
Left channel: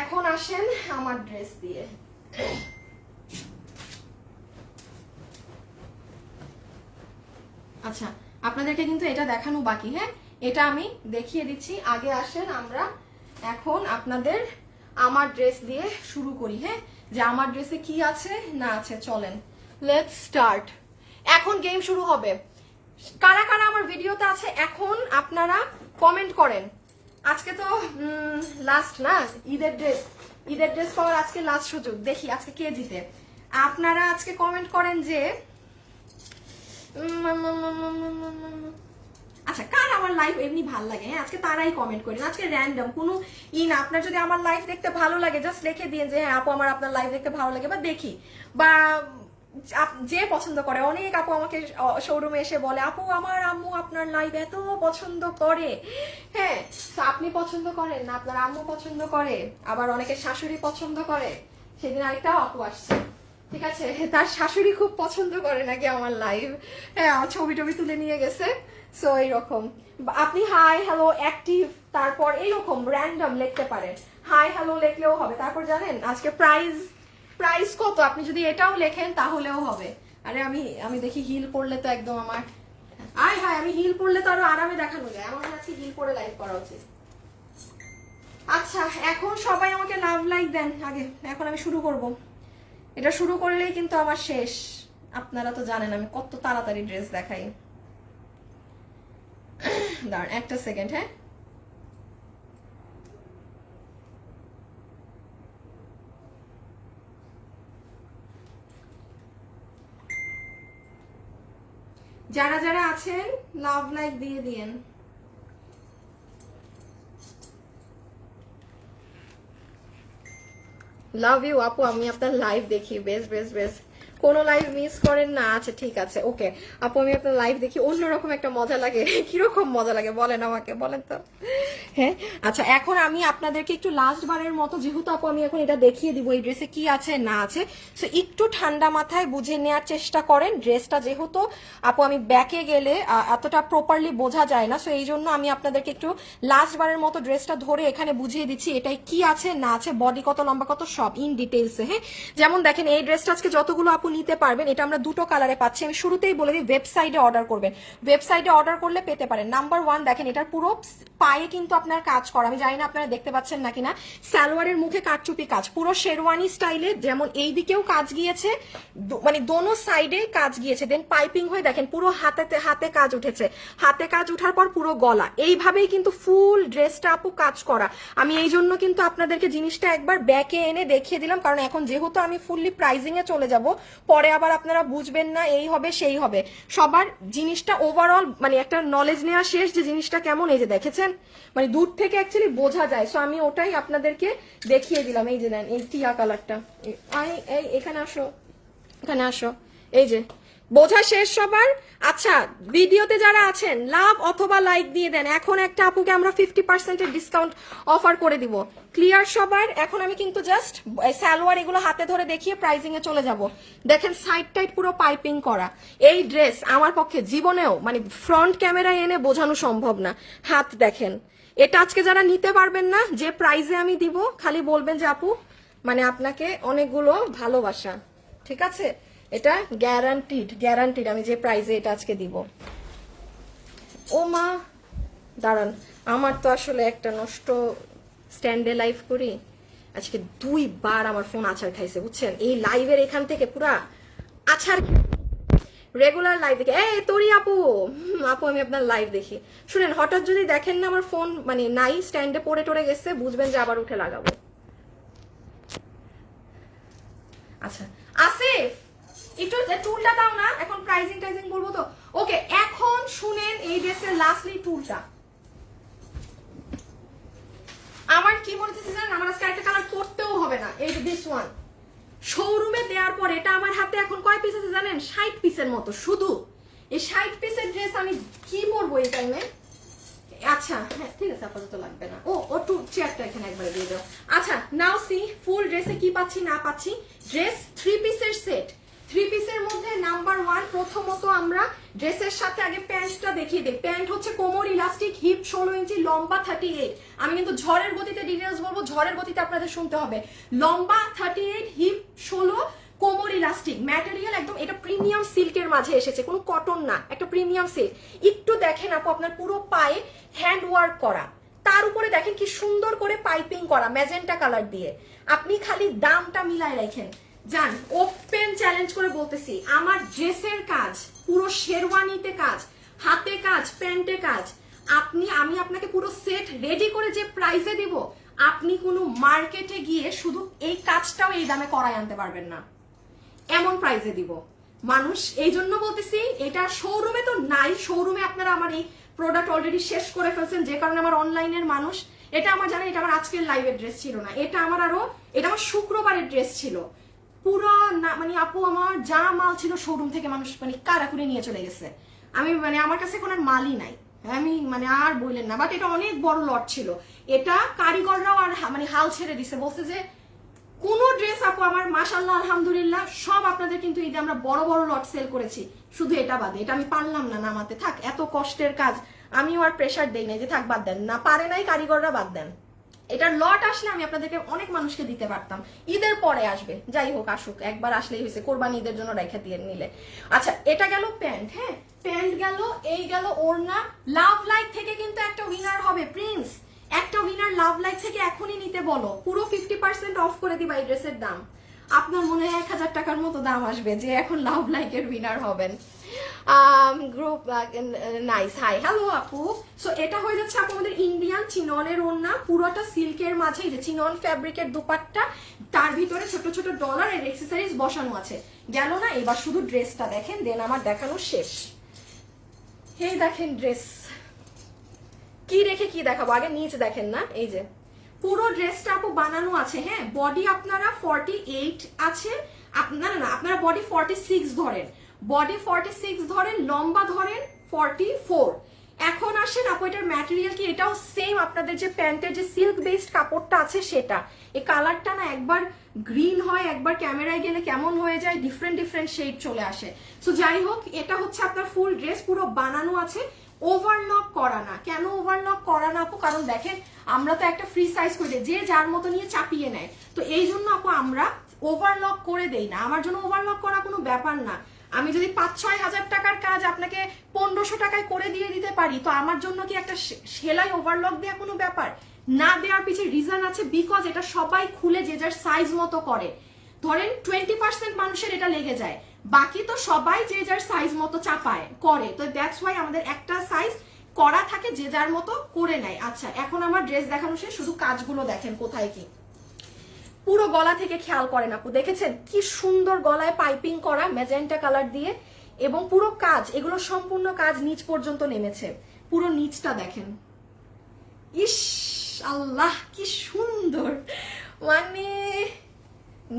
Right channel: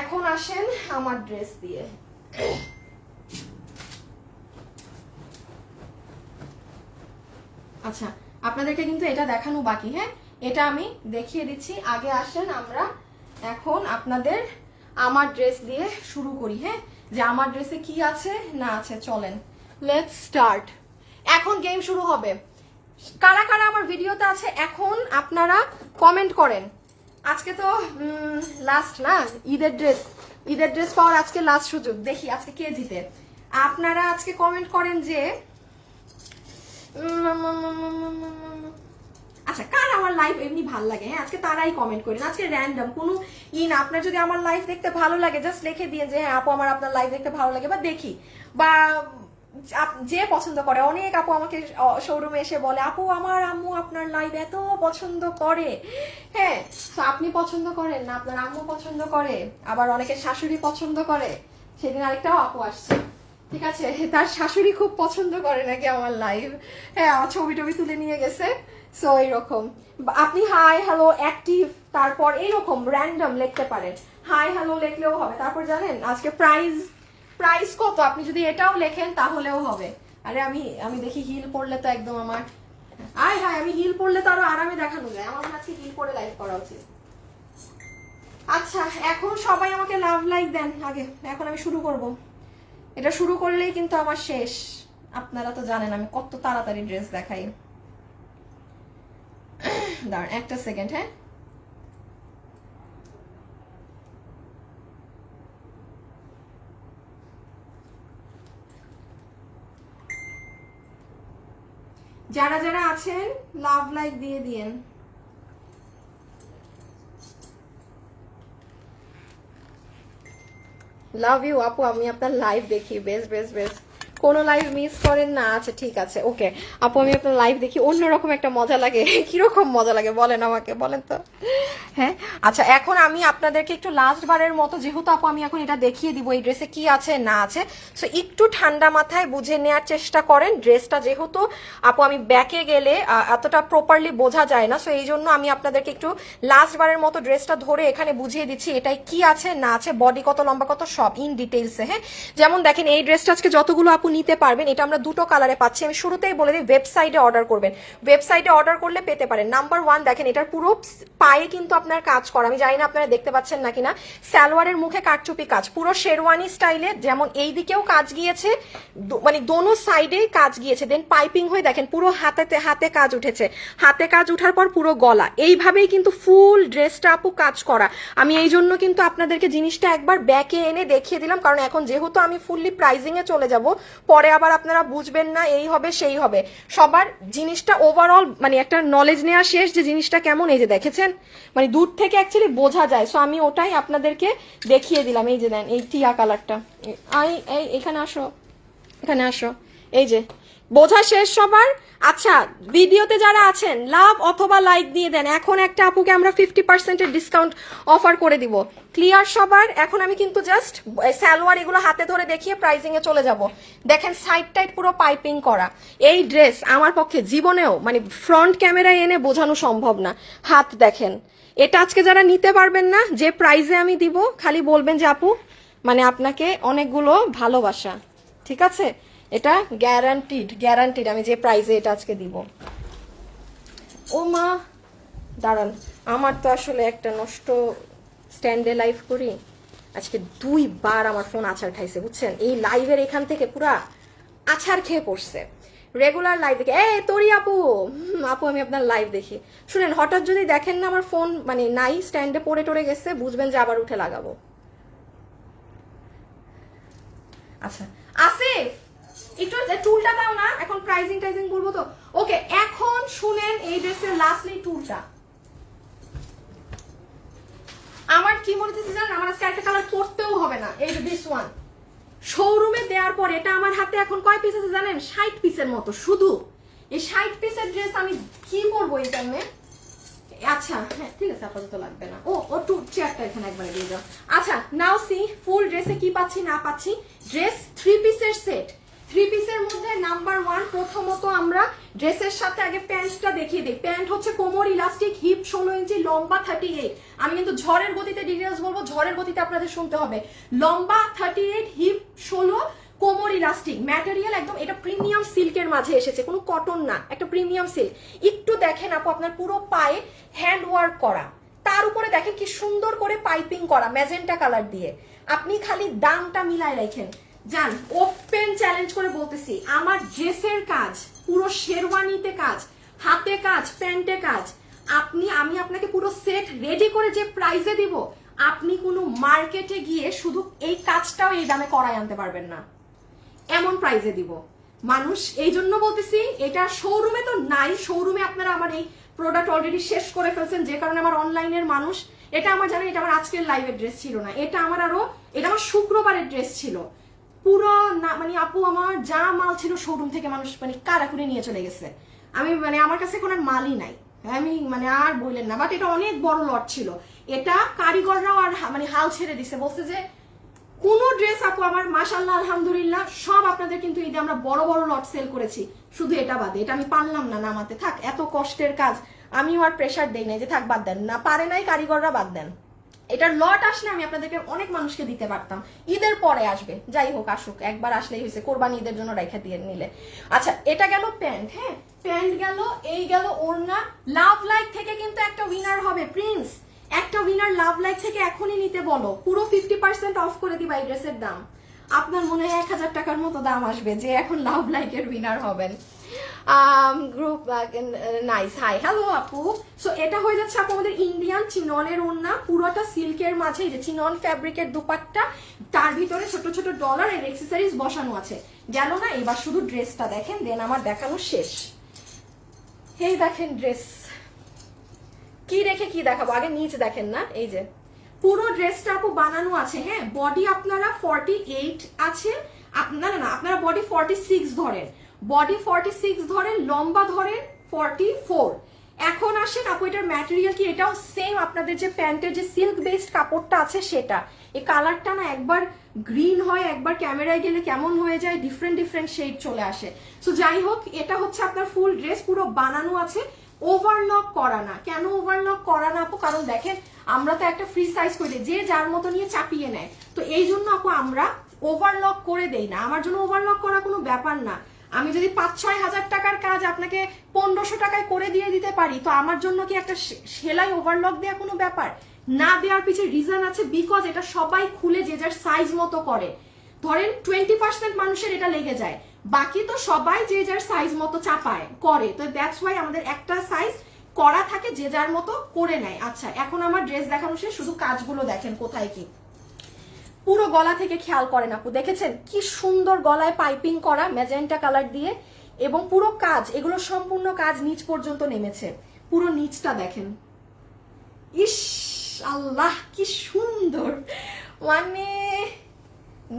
এখন আসেন আমার ড্রেস দিয়ে। আচ্ছা, আপনাদেরকে কিন্তু এটা দেখানো বাকি। হ্যাঁ, এটা আমি দেখিয়ে দিচ্ছি, আগে আসেন আমরা এখন আপনাদের আমার ড্রেস দিয়ে শুরু করি। হ্যাঁ, যে আমার ড্রেসে কি আছে না আছে, চলেন লেটস স্টার্ট। এখন গেম শুরু হবে। কারা কারা আমার ভিডিওতে আছে এখন আপনারা কমেন্ট করেন। আজকে তো লাস্ট না, ঈদের ড্রেস পাওয়ার আজকে লাস্ট সুযোগ। দেখি আজকে কে জিতে। আপনারা আজকে কমেন্ট করেন যে আচ্ছা, কার আমার লাইভ এমনি ভালো লাগে। হ্যাঁ, আজকে তারাই কমেন্ট করেন। আজকে র্যান্ডম কোনো না, আপনার যদি আমার লাইভ দেখতে ভালো লাগে জাস্ট লিখে দিয়ে যে হ্যাঁ আপু আমার আপনার লাইভ দেখতে ভালো লাগে, বা দেখি, বা যে পছন্দ করে। অনেক আপু আমাকে শোরুমে এসে বলে আপু আমার আম্মু আপনার লাইভ এত পছন্দ করে। হ্যাঁ, তো আপনি পছন্দ করেন না, আপনার আম্মু পছন্দ করে, আবার অনেকে শাশুড়ি পছন্দ করে। সেদিন আরেকটাও আপু আসছে, ঠিক আছে, তার শাশুড়ি খুব পছন্দ করে নাকি আমার লাইভ। হ্যাঁ, আমার ছবি টবি তুলে নিয়ে গেছে। সো এইরকম আপনি হাই হ্যালো অ্যাক্টিভ, তারপর এইরকম র্যান্ডম লিখতে পারেন, হাই হ্যালো লিখলেও হবে। তারপর জানেন আজকে প্রাইস কত, আপনি যদি এটাও লেখেন তাহলেও হবে। আরে আমি দেখি হিল পরলে তো একদম আমার আমি হিল পরলে তো আরো আরামে দেখানো যায়। আমার কাছে হিল পরে লাইভ করা উচিত। আচ্ছা এখন সবাই আমাকে লাভ লাইক দেন আগে, এখন আমি শুরু করব। এটা শুরু করলেই কিন্তু আমার শেষ। আপনারা তো জানেন আমি কত তাড়াতাড়ি ড্রেস দেখাই। দাঁড়ান একটা সেকেন্ড। হ্যাঁ যারা যারা আছেন লাভ লাইক দিয়ে দিয়েন। লাভ ইউ আপু, আমি আপনার লাইভ দেখি। বেশ বেশ বেশ, কোনো লাইভ মিস করেন না। আচ্ছা ঠিক আছে, ওকে আপু আমি আপনার লাইভ দেখি, অন্যরকম একটা মজা লাগে। কিরকম মজা লাগে বলেন আমাকে, বলেন তো। হ্যাঁ আচ্ছা এখন আমি আপনাদেরকে একটু লাস্ট বারের মতো, যেহেতু আপু আমি এখন এটা দেখিয়ে দিব এই ড্রেসে কি আছে না আছে, সো একটু ঠান্ডা মাথায় বুঝে নেওয়ার চেষ্টা করেন। ড্রেসটা যেহেতু আপু আমি ব্যাকে গেলে এতটা প্রপারলি বোঝা যায় না, সো এই জন্য আমি আপনাদেরকে একটু লাস্ট বারের মতো ড্রেসটা ধরে এখানে বুঝিয়ে দিচ্ছি এটাই কি আছে না আছে, বডি কত লম্বা কত সব ইন ডিটেইলসে। হ্যাঁ যেমন দেখেন এই ড্রেসটা আজকে যতগুলো আপু নিতে পারবেন, এটা আমরা দুটো কালারে পাচ্ছি। আমি শুরুতেই বলে দিই ওয়েবসাইটে অর্ডার করবেন, ওয়েবসাইটে অর্ডার করলে পেতে পারেন। নাম্বার 1 দেখেন এটার পুরো পায়ে কিন্তু আপনার কাজ করা, আমি জানি না আপনারা দেখতে পাচ্ছেন নাকি না, সালোয়ারের মুখে কাটচুপি কাজ, পুরো শেরওয়ানি স্টাইলে, যেমন এই দিকেও কাজ গিয়েছে, মানে দোনো সাইডেই কাজ গিয়েছে, দেন পাইপিং হয়ে দেখেন পুরো হাতে কাজ উঠেছে, হাতে কাজ উঠার পর পুরো গলা, এইভাবেই কিন্তু ফুল ড্রেসটা আপু কাজ করা। আমি এই জন্য কিন্তু আপনাদেরকে জিনিসটা একবার ব্যাকে এনে দেখিয়ে দিলাম, কারণ এখন যেহেতু আমি ফুললি প্রাইজিং এ চলে যাব, পরে আবার আপনারা বুঝবেন না এই হবে সেই হবে। সবার জিনিসটা ওভারঅল মানে একটা নলেজ নেওয়া শেষ যে জিনিসটা কেমন। এই যে দেখেছেন মানে দূর থেকে অ্যাকচুয়ালি বোঝা যায়, সো আমি ওটাই আপনাদেরকে দেখিয়ে দিলাম। এই যে দেন এই টিয়া কালারটা, এই এখানে আসো, এখানে আসো, এই যে বোঝা শেষ সবার। আচ্ছা ভিডিওতে যারা আছেন লাভ অথবা লাইক দিয়ে দেন, এখন একটা আপুকে আমরা 50% ডিসকাউন্ট অফার করে দিব। ক্লিয়ার সবার? এখন আমি কিন্তু জাস্ট সালোয়ার এগুলো হাতে ধরে দেখিয়ে প্রাইজিং এ চলে যাব। দেখেন সাইড টাইড পুরো পাইপিং করা এই ড্রেস আমার পক্ষে জীবনেও মানে ফ্রন্ট ক্যামেরায় এনে বোঝানো সম্ভব না। হাত দেখেন, এটা আজকে যারা নিতে পারবেন না, যে প্রাইজে আমি দিব খালি বলবেন যে আপু মানে আপনাকে অনেকগুলো ভালোবাসা, ঠিক আছে? এটা গ্যারান্টিড আমি যে প্রাইজে এটা আজকে দিব। ও মা দাঁড়ান, আমার তো আসলে একটা নষ্ট স্ট্যান্ডে লাইভ করি, আজকে 2 বার আমার ফোন আছাড় খাইছে বুঝছেন। এই লাইভের এখান থেকে পুরা আছাড় খেয়ে পড়ছে। রেগুলার লাইভ দেখি তোরি আপু আমি আপনার লাইভ দেখি। শুনেন হঠাৎ যদি দেখেন না আমার ফোন মানে নাই, স্ট্যান্ডে পড়ে টরে গেছে, বুঝবেন যে আবার উঠে লাগাবো। আচ্ছা আসিফ একটু টুলটা দাও না, এখন প্রাইজিং বলবো তো। ওকে এখন শুনেন এই ড্রেসের লাস্টলি টুলটা আমার কি বলতেছি জানেন, আমার আজকে একটা কালার পড়তেও হবে না। এই যে দিস ওয়ান শোরুমে দেওয়ার পর এটা আমার হাতে এখন কয় পিস আছে জানেন? 60 পিসের মতো। শুধু এই 60 পিসের ড্রেস আমি কি পরবো এই টাইমে? আচ্ছা হ্যাঁ ঠিক আছে, আপাতত লাগবে না। ও টু চেয়ারটা এখানে একবারে দিয়ে দাও। আচ্ছা নাও সি ফুল ড্রেসে কি পাচ্ছি না পাচ্ছি। ড্রেস 3 পিসের সেট, 3 পিসের মধ্যে নাম্বার 1 প্রথমত আমরা ড্রেসের সাথে আগে প্যান্টটা দেখিয়ে দিই। প্যান্ট হচ্ছে কোমর ইলাস্টিক, হিপ 16 ইঞ্চি, লম্বা 38। আমি কিন্তু ঝড়ের গতিতে ডিটেইলস বলবো, ঝড়ের গতিতে আপনাদের শুনতে হবে। লম্বা 38, হিপ 16, কোমর ইলাস্টিক, ম্যাটেরিয়াল একদম এটা প্রিমিয়াম সিল্কের মাঝে এসেছে, কোনো কটন না, একটা প্রিমিয়াম সিল্ক। একটু দেখেন আপু আপনার পুরো পায়ে হ্যান্ড ওয়ার্ক করা, তার উপরে দেখেন কি সুন্দর করে পাইপিং করা ম্যাজেন্টা কালার দিয়ে। আপনি খালি দামটা মিলায় রাখেন জান, ওপেন চ্যালেঞ্জ করে বলতেছি আমার ড্রেসের কাজ পুরো শেরওয়ানিতে কাজ, হাতে কাজ, প্যান্টে কাজ, আমি আপনাকে পুরো সেট রেডি করে যে প্রাইসে দিব, আপনি কোনো মার্কেটে গিয়ে শুধু এই কাজটাও এই দামে করাই আনতে পারবেন না, এমন প্রাইসে দিব। মানুষ এই জন্য বলতেছি এটা শোরুমে তো নাই, শোরুমে আপনারা আমার এই প্রোডাক্ট অলরেডি শেষ করে ফেলছেন, যে কারণে আমার অনলাইনের মানুষ এটা আমার জানেন, এটা আমার আজকের লাইভের ড্রেস ছিল না, এটা আমার শুক্রবারের ড্রেস ছিল পুরো না, মানে আপু আমার যা মাল ছিল শোরুম থেকে মানুষ মানে কারাকুরি নিয়ে চলে গেছে। আমি মানে আমার কাছে এখন আর মালই নাই, আমি মানে আর বললেন না, বাট এটা অনেক বড় লট ছিল, এটা কারিগররাও আর মানে হাল ছেড়ে দিছে, বলছে যে কোন ড্রেস আপু আমার মাশাআল্লাহ আলহামদুলিল্লাহ সব আপনাদের কিন্তু এই যে আমরা বড় বড় লট সেল করেছি, শুধু এটা বাদে, এটা আমি পারলাম না নামাতে, থাক এত কষ্টের কাজ আমিও আর প্রেশার দেই নাই যে থাক বাদ দেন, না পারে নাই কারিগররা বাদ দেন। এটার লট আসলে আমি আপনাদেরকে অনেক মানুষকে দিতে পারতাম, ঈদের পরে আসবে, যাই হোক আসুক, একবার আসলেই হয়েছে, কোরবানি ঈদের জন্য রাইখা দিয়ে নিলে। আচ্ছা এটা গেল প্যান্ট, হ্যাঁ প্যান্ট গেল, এই গেল ওড়না। লাভ লাইফ থেকে কিন্তু একটা উইনার হবে প্রিন্স, একটা উইনার লাভ লাইফ থেকে এখনই নিতে বলো, পুরো 50% অফ করে দিবা এই ড্রেসের দাম। আপনার মনে হয় 1000 টাকার মতো দাম আসবে যে এখন লাভ লাইফের উইনার হবেন। গ্রুপ নাইস, হাই হ্যালো আপু। সো এটা হয়ে যাচ্ছে আপু আমাদের ইন্ডিয়ান চিননের ওড়না, পুরোটা সিল্কের মাঝে এই যে চিনন ফ্যাব্রিকের দুপাট্টা, তার ভিতরে ছোট ছোট ডলার এর এক্সেসরিজ বসানো আছে। গেল না, এবার শুধু ড্রেসটা দেখেন, দেন আমার দেখানো শেষ। এই দেখেন ড্রেস, কি রেখে কি দেখাবো, আগে নিচে দেখেন না, এই যে পুরো ড্রেসটা আপু বানানো আছে। হ্যাঁ বডি আপনারা 48 আছে, আপনারা না আপনারা বডি 46 ধরেন, বডি 46 ধরেন, লম্বা ধরেন 44। এখন আসেন আপু এটার ম্যাটেরিয়াল কি, এটাও সেম আপনাদের যে প্যান্টের যে সিল্ক বেসড কাপড়টা আছে সেটা। এই কালারটা না একবার গ্রিন হয়, একবার ক্যামেরায় গেলে কেমন হয়ে যায়, ডিফারেন্ট ডিফারেন্ট শেড চলে আসে। সো যাই হোক এটা হচ্ছে আপনার ফুল ড্রেস, পুরো বানানো আছে, ওভারলক করা না। কেন ওভারলক করা না আপু, কারণ দেখেন আমরা তো একটা ফ্রি সাইজ করে দিই, যে যার মতো নিয়ে চাপিয়ে নেয়, তো এই জন্য আপু আমরা ওভারলক করে দেই না। আমার জন্য ওভারলক করা কোনো ব্যাপার না, আমি যদি 5-6 হাজার টাকার কাজ আপনাকে 1500 টাকায় করে দিয়ে দিতে পারি, তো আমার জন্য কি একটা সেলাই ওভারলক দেওয়া কোনো ব্যাপার না? দেওয়ার পিছনে রিজন আছে, বিকজ এটা সবাই খুলে যে যার সাইজ মতো করে। ধরেন 20% মানুষের এটা লেগে যায়, বাকি তো সবাই যে যার সাইজ মতো চাপায় করে, তো দ্যাটস ওয়াই আমাদের একটা সাইজ করা থাকে, যে যার মতো করে নেয়। আচ্ছা এখন আমার ড্রেস দেখানো শেষ, শুধু কাজগুলো দেখেন কোথায় কি। পুরো গলা থেকে খেয়াল করেন আপু, দেখেছেন কি সুন্দর গলায় পাইপিং করা ম্যাজেন্টা কালার দিয়ে, এবং পুরো কাজ, এগুলো সম্পূর্ণ কাজ নিচ পর্যন্ত নেমেছে। পুরো নিচটা দেখেন, ইস আল্লাহ কি সুন্দর, মানে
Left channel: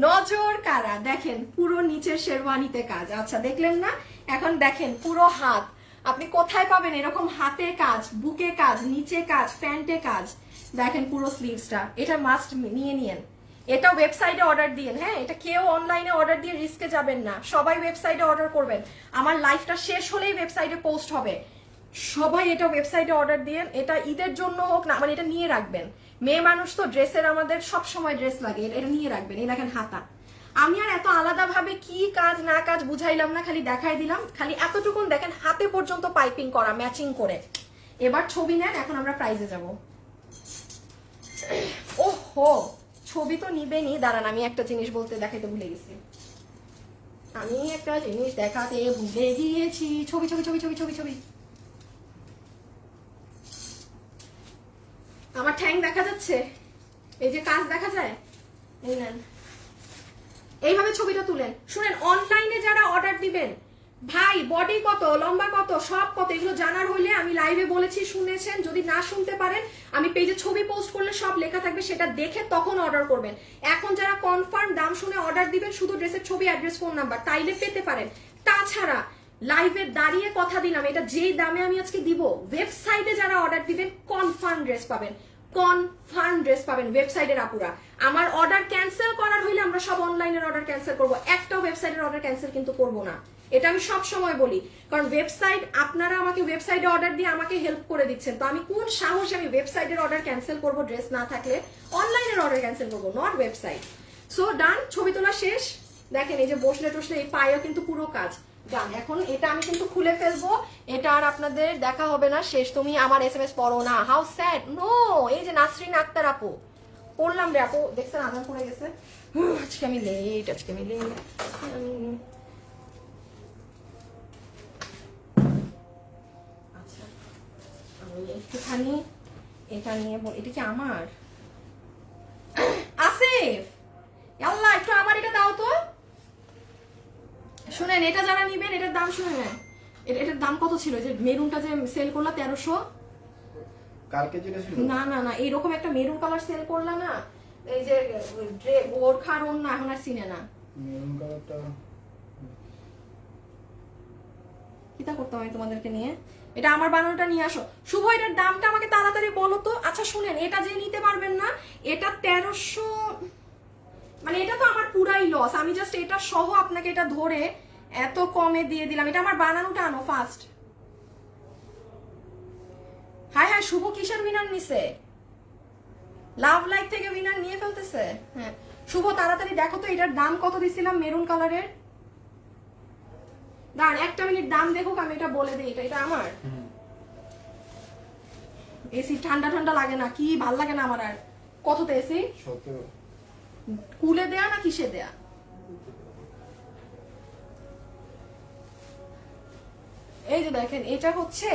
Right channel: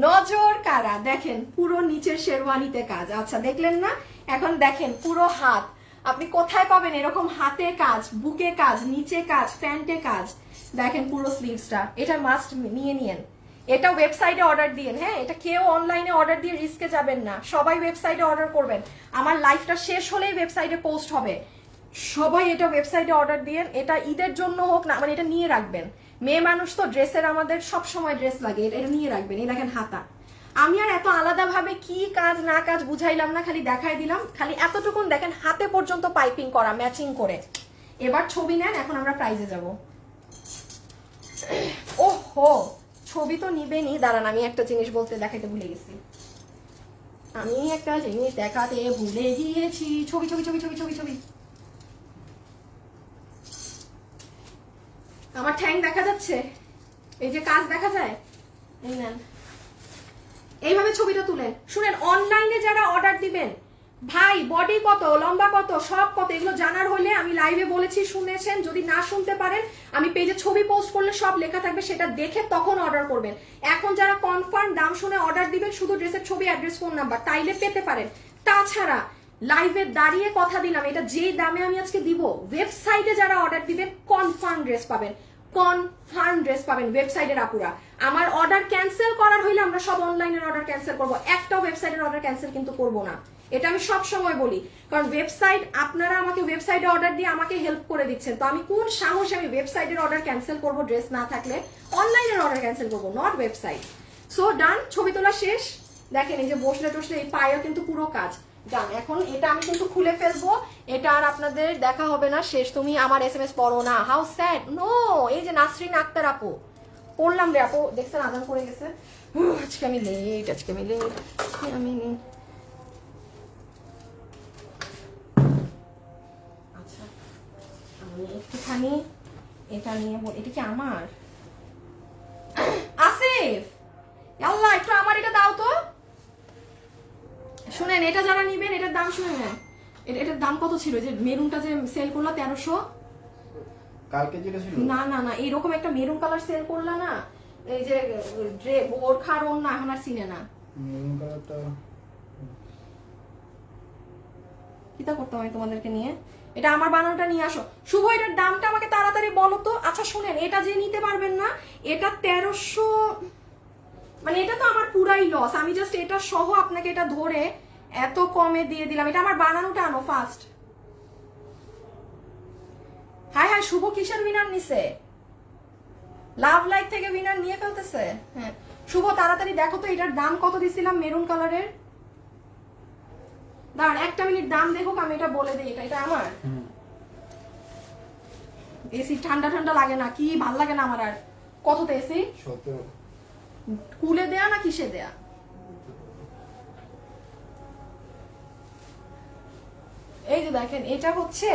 নজর কারা। দেখেন পুরো নিচের শেরওয়ানিতে কাজ। আচ্ছা দেখলেন না, এখন দেখেন পুরো হাত, আপনি কোথায় পাবেন এরকম হাতে কাজ, বুকে কাজ, নিচে কাজ, প্যান্টে কাজ। দেখেন পুরো স্লিভসটা, এটা মাস্ট নিয়ে নিয়েন, এটা ওয়েবসাইটে অর্ডার দিয়েন। হ্যাঁ এটা কেউ অনলাইনে অর্ডার দিয়ে রিস্কে যাবেন না, সবাই ওয়েবসাইটে অর্ডার করবেন, আমার লাইফটা শেষ হলেই ওয়েবসাইটে পোস্ট হবে, সবাই এটা ওয়েবসাইটে অর্ডার দিয়েন। এটা ঈদের জন্য হোক না, মানে এটা নিয়ে রাখবেন, মেয়ে মানুষ তো ড্রেসের আমাদের সব সময় ড্রেস লাগে, এটা নিয়ে রাখবেন। এই দেখেন হাতা, আমি আর এত আলাদাভাবে কি কাজ না কাজ বুঝাইলাম না, খালি দেখাই দিলাম, খালি এতটুকুন দেখেন হাতে পর্যন্ত পাইপিং করা ম্যাচিং করে। এবার ছবি নেন, এখন আমরা প্রাইজে যাব। ওহো ছবি তো নিবেনি, দাঁড়ান আমি একটা জিনিস বলতে দেখাইতে ভুলে গেছি, আমি একটা জিনিস দেখাতে ভুলে গিয়েছি। ছবি ছবি ছবি ছবি ছবি ছবি, আমার ঠ্যাং দেখা যাচ্ছে, এই যে কাজ দেখা যায়, এই নেন, এইভাবে ছবিটা তুলেন। শুনেন অনলাইনে যারা অর্ডার দিবেন, ভাই বডি কত, লম্বা কত, সব কত, এগুলো জানার হলে আমি লাইভে বলেছি, শুনেছেন, যদি না শুনতে পারেন আমি পেজে ছবি পোস্ট করলে সব লেখা থাকবে, সেটা দেখে তখন অর্ডার করবেন। এখন যারা কনফার্ম দাম শুনে অর্ডার দিবেন, শুধু ড্রেসের ছবি, অ্যাড্রেস, ফোন নাম্বার, তাইলে পেতে পারেন। তাছাড়া লাইভে দাঁড়িয়ে কথা দিলাম, এটা যেই দামে আমি আজকে দিব, ওয়েবসাইটে যারা অর্ডার দিবেন কনফার্ম ড্রেস পাবেন, কনফার্ম ড্রেস পাবেন ওয়েবসাইটের আপুরা। আমার অর্ডার ক্যান্সেল করার হইলে আমরা সব অনলাইনের অর্ডার ক্যান্সেল করবো, একটাও ওয়েবসাইটের অর্ডার ক্যান্সেল কিন্তু করবো না, এটা আমি সব সময় বলি, কারণ ওয়েবসাইট, আপনারা আমাকে ওয়েবসাইটে অর্ডার দিয়ে আমাকে হেল্প করে দিচ্ছেন, তো আমি কোন সাহসে আমি ওয়েবসাইটের অর্ডার ক্যান্সেল করবো, ড্রেস না থাকলে অনলাইনের অর্ডার ক্যান্সেল করবো, নট ওয়েবসাইট। সো ডান, ছবি তোলা শেষ। দেখেন এই যে বসলে টসলে এই পায়েও কিন্তু পুরো কাজ ডান। এখন এটা আমি কিন্তু খুলে ফেলবো, এটা আর আপনাদের দেখা হবে না, শেষ। তুমি আমার SMS পড়ো না, হাউ স্যাড। নো, এই যে নাসরিন আক্তার আপু, পড়লাম রে আপু, দেখছেন আদান করে গেছে, আজকে আমি লেট, আজকে আমি লেট, আমি আচ্ছা আমি একটুখানি এটা নিয়ে, এটা কি আমার আসিফ, আল্লাহ একটু আমার এটা দাও তো। শুনেন এটা যারা নিবেন, এটার দাম শুনেন, এটার দাম কত ছিল, যে মেরুনটা যে সেল করলা 1300, কালকে যেটা ছিল, না না না এইরকম একটা মেরুন কালার সেল করলা না, এই যে বোরখার অন্য, এখন আর চিনে না, মেরুন কালারটা কিটা করতে হবে তোমাদেরকে নিয়ে, এটা আমার বানানোটা নিয়ে আসো। শুভ এটার দামটা আমাকে তাড়াতাড়ি বলো তো। আচ্ছা শুনেন, এটা যে নিতে পারবেন না, এটা 1300, মানে এটা তো আমার পুরাই লস, আমি জাস্ট এটা সহ আপনাকে এটা ধরে এত কমে দিয়ে দিলাম। এটা আমার বানানোটা আনো ফার্স্ট, হ্যাঁ হ্যাঁ, শুভ কিসের উইনার নিছে? লাভ লাইক থেকে উইনার নিয়ে ফেলতেছে। হ্যাঁ শুভ, তাড়াতাড়ি দেখো তো এটার দাম কত দিছিলাম মেরুন কালারের। দাঁড়ান একটা মিনিট, দাম দেখো, আমি এটা বলে দিই। এটা আমার এসি ঠান্ডা ঠান্ডা লাগে না, কি ভাল লাগে না আমার। আর কততে এসি? 17। কুলে দেয়া না কিসে দেয়া? এই যে দেখেন, এটা হচ্ছে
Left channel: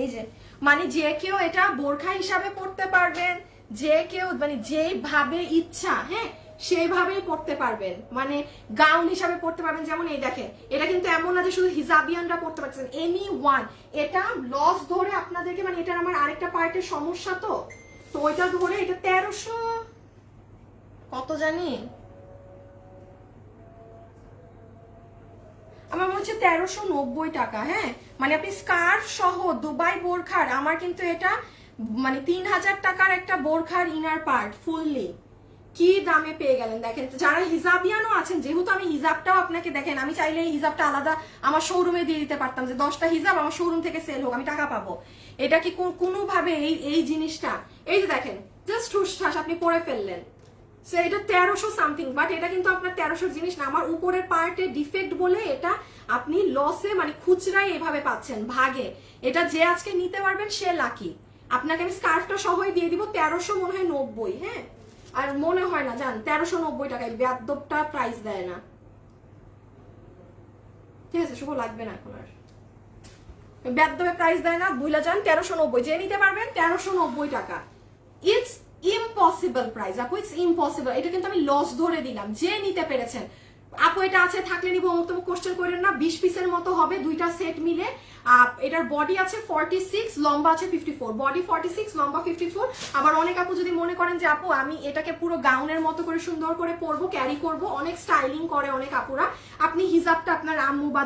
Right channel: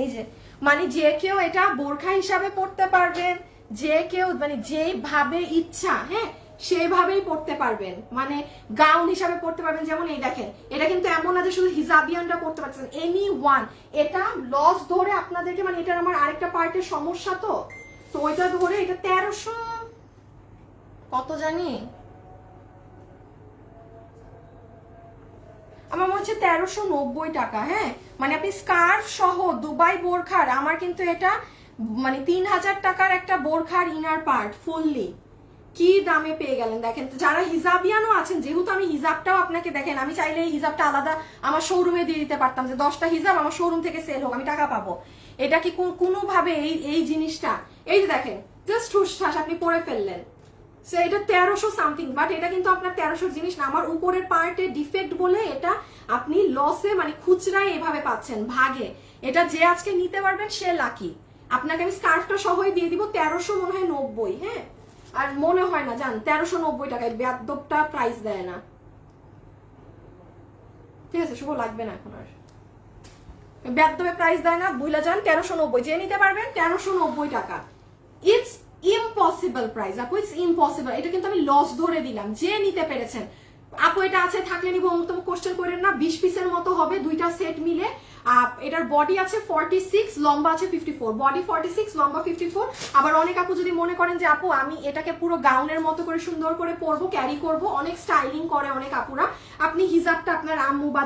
এই যে মানে যে কেউ এটা বোরখা হিসাবে পড়তে পারবেন, যে কেউ মানে যেভাবে ইচ্ছা হ্যাঁ সেভাবেই পড়তে পারবেন, মানে গাউন হিসাবে পড়তে পারবেন। যেমন এই দেখেন, এটা কিন্তু এমন না যে শুধু হিজাবিয়ানরা পড়তে পারছেন, এনি ওয়ান। এটা লস ধরে আপনাদেরকে, মানে এটার আমার আরেকটা পার্টের সমস্যা, তো ওইটা ধরে এটা 1300 কত জানি, আমার মনে হচ্ছে 1390 টাকা। হ্যাঁ মানে আপনি স্কার্ফ সহ দুবাই বোরখার, আমার কিন্তু এটা মানে 3000 টাকার একটা বোরখার ইনার পার্ট ফুললি কি দামে পেয়ে গেলেন। দেখেন যারা হিজাবিয়ানও আছেন, যেহেতু আমি হিজাবটাও আপনাকে দেখেন, আমি চাইলে এই হিজাবটা আলাদা আমার শোরুমে দিয়ে দিতে পারতাম, যে 10টা হিজাব আমার শোরুম থেকে সেল হোক, আমি টাকা পাবো। এটা কি কোনোভাবে এই জিনিসটা, এই যে দেখেন জাস্ট হুসঠাস আপনি পরে ফেললেন, এটা 1300 সামথিং, বাট এটা কিন্তু আপনার 1300 জিনিস না। আমার উপরের পার্টে ডিফেক্ট বলে এটা আপনি লসে মানে খুচরাই এভাবে পাচ্ছেন ভাগে। এটা যে আজকে নিতে পারবেন সে লাকি। আপনাকে আমি স্কার্ফটা সহই দিয়ে দিব 1300 মনে হয় 90। হ্যাঁ আর মনে হয় না জান 1390 টাকায়, বেয়াদবটা প্রাইস দেয় না। ঠিক আছে শুভ, লাগবে না এখন আর, বেয়াদবে প্রাইস দেয় না, বুঝলা যান 1390, যে নিতে পারবেন 1390 টাকা। ইটস ইম্পসিবল প্রাইস আপু, ইটস ইম্পসিবল। এটা কিন্তু আমি লস ধরে দিলাম, যে নিতে পেরেছেন। আপু এটা আছে থাকলে নিবো অমুক কোশ্চেন করেন না, 20 পিসের মতো হবে দুইটা সেট মিলে। এটার বডি আছে 46, লম্বা আছে 54, বডি 46 লম্বা 54। আবার অনেক আপু যদি মনে করেন যে আপু আমি এটাকে পুরো গাউনের মতো করে সুন্দর করে পরবো, ক্যারি করব, অনেক স্টাইলিং করে অনেক আপুরা, আপনি হিজাবটা আপনার আম্মু বা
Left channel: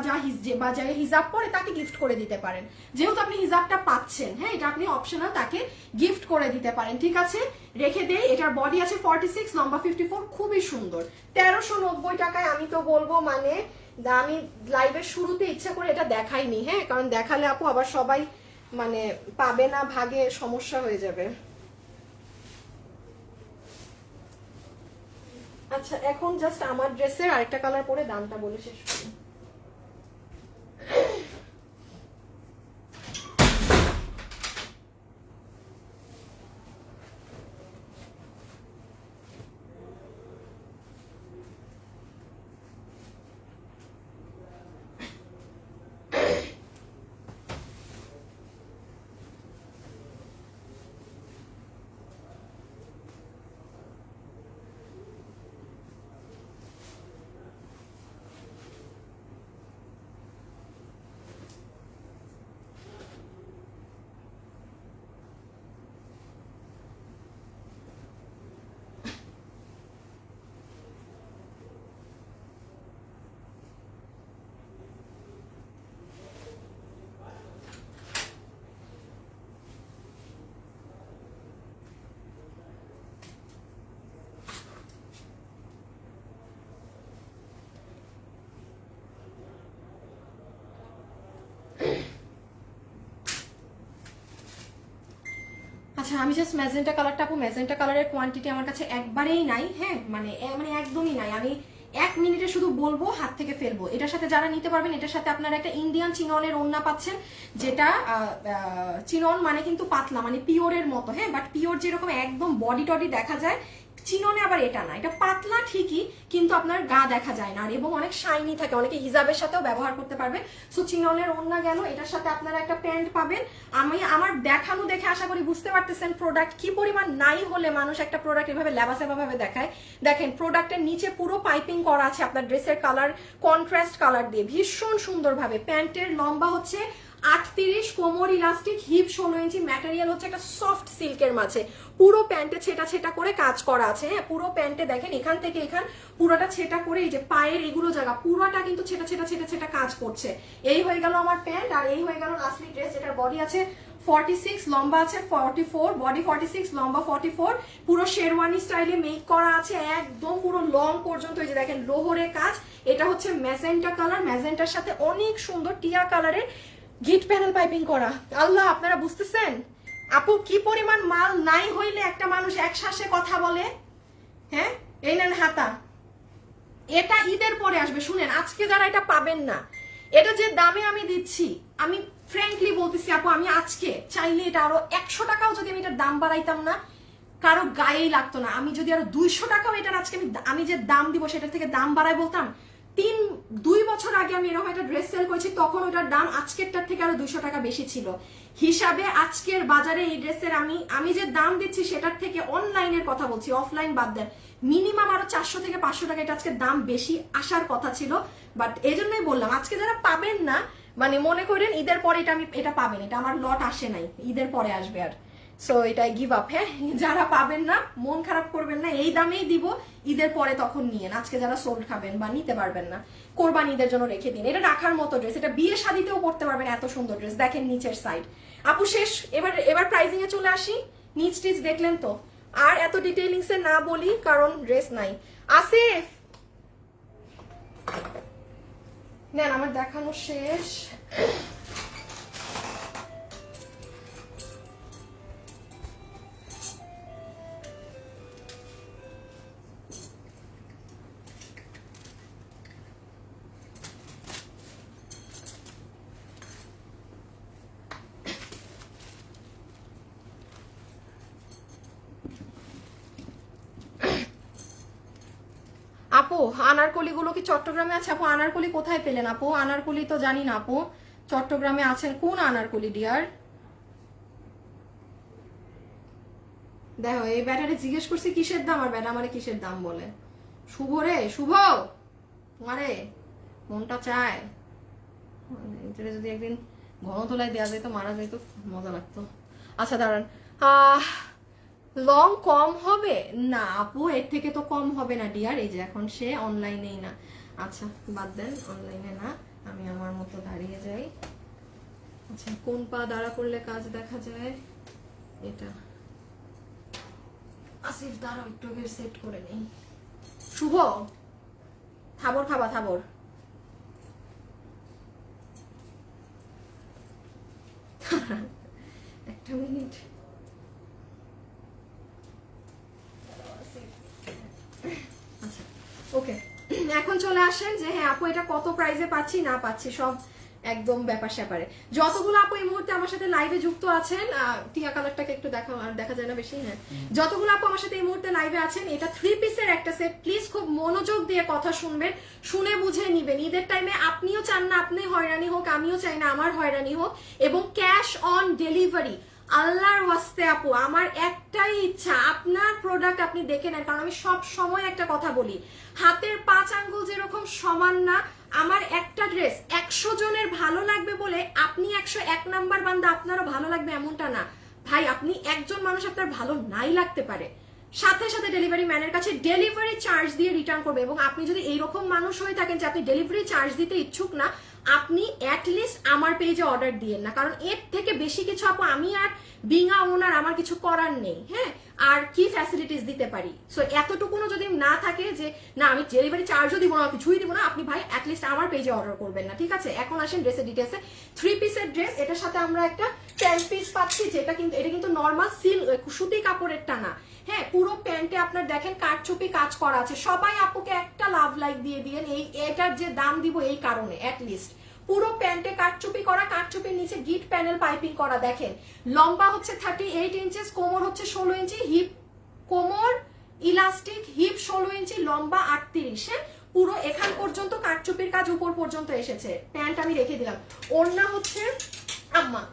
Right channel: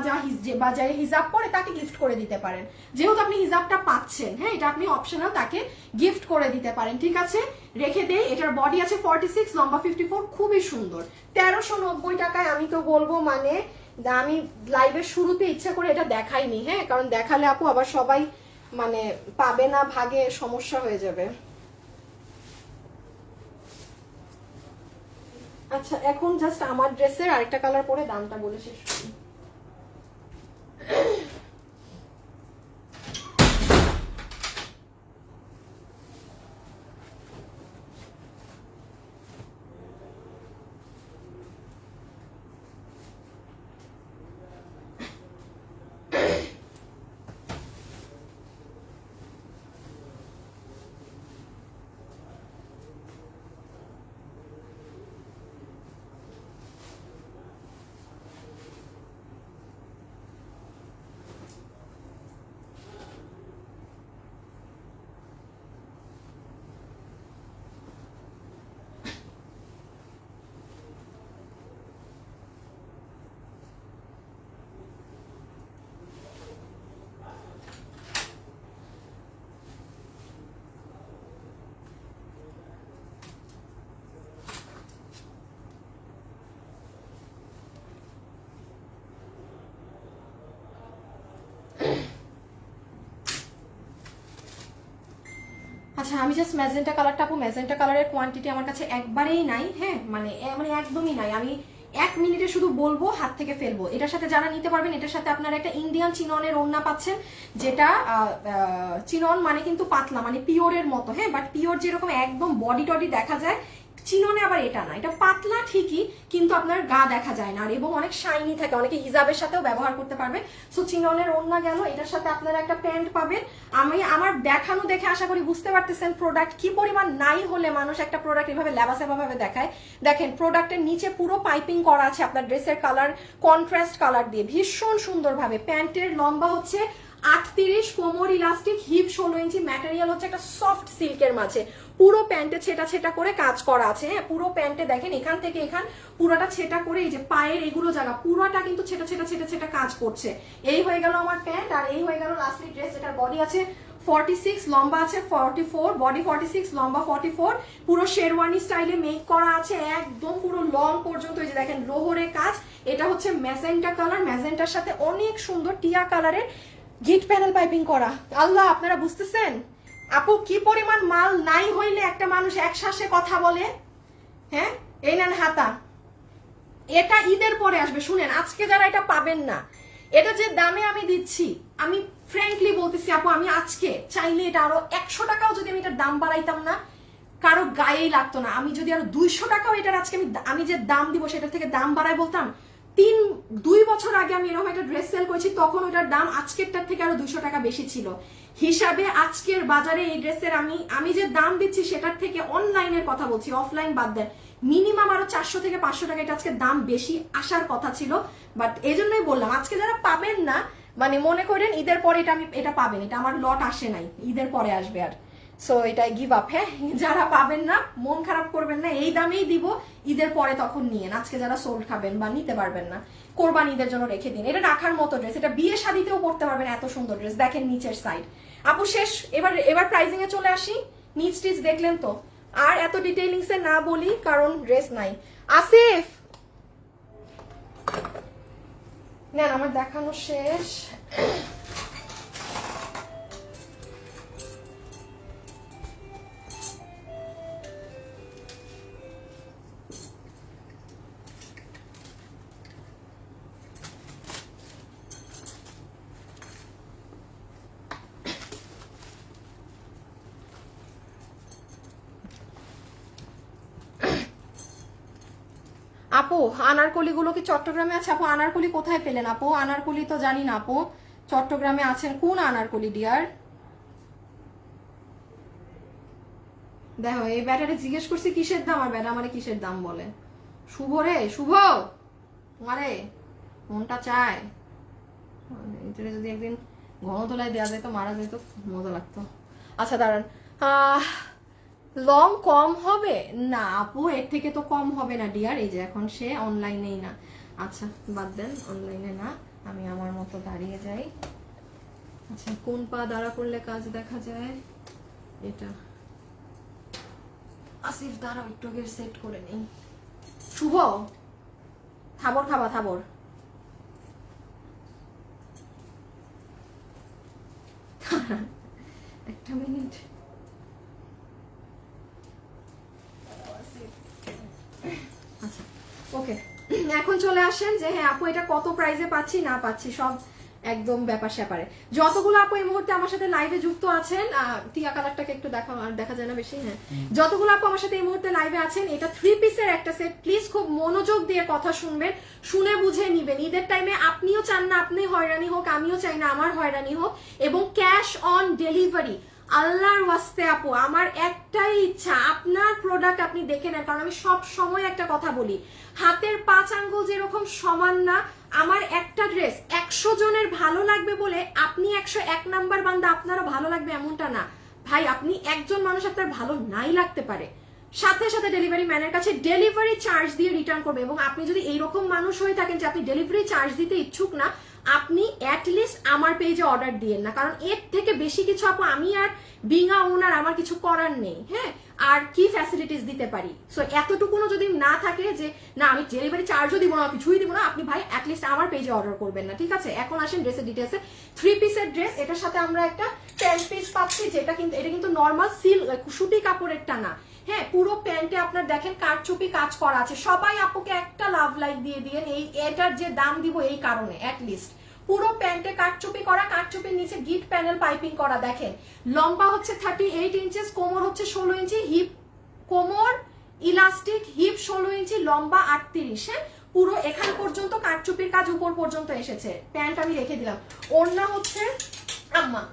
যা হিজাব পরে তাকে গিফট করে দিতে পারেন। যেহেতু আপনি হিজাবটা পাচ্ছেন, হ্যাঁ এটা আপনি অপশনাল তাকে গিফট করে দিতে পারেন। ঠিক আছে রেখে দেই। এটার বডি আছে 46, লম্বা 54, খুবই সুন্দর। 1390 টাকায় আমি তো বলবো মানে, আমি লাইভের শুরুতে ইচ্ছা করে এটা দেখাইনি, হ্যাঁ কারণ দেখালে আপু আবার সবাই মানে পাবে না, ভাগে সমস্যা হয়ে যাবে। আচ্ছা এখন জাস্ট আমার ড্রেসের আরেকটা কালার পরে দামটা বলে শেষ করি। আচ্ছা আমি জাস্ট ম্যাজেন্টা কালারটা, আপু ম্যাজেন্টা কালারের কোয়ান্টিটি আমার কাছে একবারেই নাই। হ্যাঁ মানে একদমই নাই। আমি 1 মিনিটে শুধু বলবো, হাত থেকে ফেলবো। এটার সাথে যারা নিতে পারবেন, এটার সাথে আপনারা একটা ইন্ডিয়ান চিননের ওড়না পাচ্ছেন, যেটা চিনন মানে কিন্তু পাতলা, মানে পিওরের মতো। হ্যাঁ বাট পিওর যেরকম একদম বডি টডি দেখা যায়, চিননে আবার এটা না, এটা পাতলা ঠিকই কিন্তু আপনার গা দেখা যায় না, আর এবং অনেক শাইনি থাকে, অনেকে হিজাবের সাথেও ব্যবহার করতে পারবেন। সো চিননের ওড়না গেল, এটার সাথে আপনারা একটা প্যান্ট পাবেন। আমি আমার দেখানো দেখে আশা করি বুঝতে পারতেছেন প্রোডাক্ট কি পরিমাণ নাই হলে মানুষ একটা প্রোডাক্ট এভাবে লেবাসেবা ভাবে দেখায়। দেখেন প্রোডাক্টের নিচে পুরো পাইপিং করা আছে আপনার ড্রেসের কালার কন্ট্রাস্ট কালার দিয়ে ভীষণ সুন্দরভাবে। প্যান্টের লম্বা হচ্ছে 38, কোমর ইলাস্টিক, হিপ 16 ইঞ্চি, ম্যাটেরিয়াল হচ্ছে একটা সফট সিল্কের মাঝে, পুরো প্যান্টে ছেটা ছেটা করে কাজ করা আছে। হ্যাঁ পুরো প্যান্টে দেখেন এখান থেকে এখান পুরোটা ছেটা করে, এই যে পায়ের এগুলো জায়গা পুরোটা কিন্তু ছেটা ছেটা ছেটা ছেটা কাজ করছে। এই হয়ে গেল আমার প্যান্ট, আর এই হয়ে গেল লাস্টলি ড্রেস। এটার বডি আছে 46, লম্বা আছে 44, বডি 46, লম্বা 44, পুরো শেরওয়ানি স্টাইলে মেক করা আছে একদম পুরো লং পর্যন্ত। এই যে দেখেন লোহরে কাজ। এটা হচ্ছে ম্যাজেন্টা কালার, ম্যাজেন্টার সাথে অনেক সুন্দর টিয়া কালারের গিট প্যানেল পাইপিং করা। আল্লাহ আপনারা বুঝতেছেন আপু কি পরিমাণ মাল নাই হইলে একটা মানুষ এক শ্বাসে কথা বলে। হ্যাঁ, এই নেন হাতা, এটা ঈদের পরে আসবে। শুনেন, আজকে যারা এটা পাবেন না, এটা যে দামে আমি দিচ্ছি, আমি ফ্র্যাঙ্কলি বলতেছি আপু, আমি আজকে চাইলে এটা আরো 100 টাকাও যদি আমি এটার দাম বাড়াইতাম না, কারো গায়েই লাগতো না। আমি যদি আরো 200 টাকাও এটার আজকে আমি যে দাম দিব সেটার থেকে দাম বাড়াই বলতাম, 2 বছর আগে আমি এরকম একটা ড্রেস সেল করেছি, তখন ওটার দাম আজকেরটার থেকে আরো 200 টাকা বেশি ছিল। হিসাবে আজকের বাজারে এই ড্রেসের আমি যে দাম দিচ্ছি সেটার থেকে অনলাইনের কথা বলছি, অফলাইন বাদ দেন, মিনিমাম আরো 400 থেকে 500 টাকা এটা আজকে দাম বেশি আসার কথা ছিল। বাট এই জন্যই বললাম, আজকে যারা পাবেন না, মানে মনে করেন ঈদের পরে এটা পাবেন, এটা আমার লট আসে নাই, ঈদের পরে আসবে। আর সো এটাই গিভ আপ। হ্যাঁ, যারা পাবেন না মন খারাপ করবেন না, এই দামেই দিব, ঈদের পরে তখন নিয়েন। আজকে যারা সোল খাবেন বা নিতে পারবেন না, কোরবানি ঈদের জন্য রেখে দিন। এটা রাখার মতো ড্রেস, এটা বিয়ে শাদিতেও পড়তে পারবেন, এত সুন্দর ড্রেস। দেখেন নিচের সাইড। আপু শেষ, এবার প্রাইজিং এ চলে আসি। নিচ টিচ দেখলেন তো, আর এত ডিটেইলিংস এ না বলি কারণ ড্রেস নাই। আসিফ নেন, আমার দেখানো শেষ। আপু আনারকলি গুলো কি চট্টগ্রামে আছে? আপু আনারকলি কোথায় পেলেন? আপু আনারকলি তো জানি না। আপু চট্টগ্রামে আছেন কোন আনারকলি ডিয়ার? দেখো এই ব্যাটারে জিজ্ঞেস করছি কিসের দাম, আর ব্যাটা আমারে কিসের দাম বলে। শুভ রে, শুভ মারে মনটা চায় এটা যদি একদিন গণতলায় দেওয়া যেত, মারা যেত, মজা লাগতো। আচ্ছা দাঁড়ান, লং কম হবে না আপু, এর থেকে তো কম হবে না ডিয়ার। এই যে এখন সে অনলাইনেই না। আচ্ছা বাদ দেন, অনলাইনে না, আমি আমার মতো দাঁড়িয়ে যাই। আচ্ছা কোন পা দাঁড়া করলে কাজ দেখা যায়? এটা আসিফ দাঁড়াও একটু আগে সেট করে নেই। শুভ খাবার খাবা, খাবার একটা মিনিট। আচ্ছা ওকে, এখন চলে আসেন যে হ্যাঁ আপু এটা কত প্রাইসে পাচ্ছি না পাচ্ছি সব একদম ব্যাপার স্যাপারে। যতগুলো আপু এই মুহূর্তে আমার সাথে লাইভে যুক্ত আছেন, টিয়া কালারটাকে একটু দেখা যায় না বেশি। হ্যাঁ, যতগুলো আপু আমার সাথে এই মুহূর্তে লাইভে আছেন, এটা 3 পিসের একটা সেট। প্লিজ খুব মনোযোগ দিয়ে কথা শুনবেন, শুনে বুঝে নিবেন। ঈদের টাইমে আপনিও চান না আপনি হয়রানি হোক, আমিও চাই না আমার হয়রানি হোক। এবং ক্যাশ অন ডেলিভারি, আল্লাহর ওয়াস্তে আপু আমার একটাই ইচ্ছা, আপনার প্রোডাক্ট আপনি দেখে নেন। কারণ আমি সব সময় একটা কথা বলি, হাতের 5 আঙ্গুল যেরকম সমান না, আমার একটা ড্রেস 100 জনের ভালো লাগবে বলে আপনি 101 নাম্বার বান্দা আপনারও ভালো লাগবে এমনটা না ভাই। আপনি একজন মানুষ আপনার ভালো নাই লাগতে পারে, সাথে সাথে ডেলিভারি ম্যানের কাছে ডেলিভারি চার্জ দিয়ে রিটার্ন করবে। এবং আপনি যদি এইরকম মানুষ হয়ে থাকেন যে আপনি ডেলিভারি চার্জ দিতে ইচ্ছুক না, আপনি অ্যাটলিস্ট আমার পেজে অর্ডার দিয়েন না। কারণ এর থেকে বেশি কিছু আপু আমি আর বিঙা ওনার আমার কিছু করার নেই। হ্যাঁ, আর কি ফ্যাসিলিটিস দিতে পারি? সো এতটুকুনো যদি না থাকে যে না আমি ডেলিভারি চার্জও দিব না, কিছুই দিব না, আপনি ভাই অ্যাটলিস্ট আমার পেজে অর্ডার করবেন না, ঠিক আছে? এখন আসেন ড্রেসের ডিটেলসে। 3 পিসের ড্রেস, এটার সাথে আমরা একটা 10 পিস পাচ্ছি, যেটা কিন্তু এটা কিন্তু নর্মাল সুতি কাপড়েরটা না। হ্যাঁ, পুরো প্যান্টে আপনার দেখেন কারচুপি কাজ করা আছে। সবাই আপুকে একটা লাভ লাইক দিয়ে দিয়েন এই এটার যে দাম দিব এই কারণে। অ্যাটলিস্ট পুরো প্যান্টে কারচুপি করা, কারচুপির নিচে গিট প্যানেল পাইপিং করা। দেখেন লম্বা হচ্ছে 38 ইঞ্চেস, কোমর হচ্ছে 16 ইঞ্চি, হিপ কোমর ইলাস্টিক, হিপ 16 ইঞ্চি, লম্বা 38। হ্যাঁ, পুরো এখান পর্যন্ত কারচুপির কাজ উপর পর্যন্ত এসেছে। প্যান্ট আমি রেখে দিলাম। ওড়না হচ্ছে আম্মা,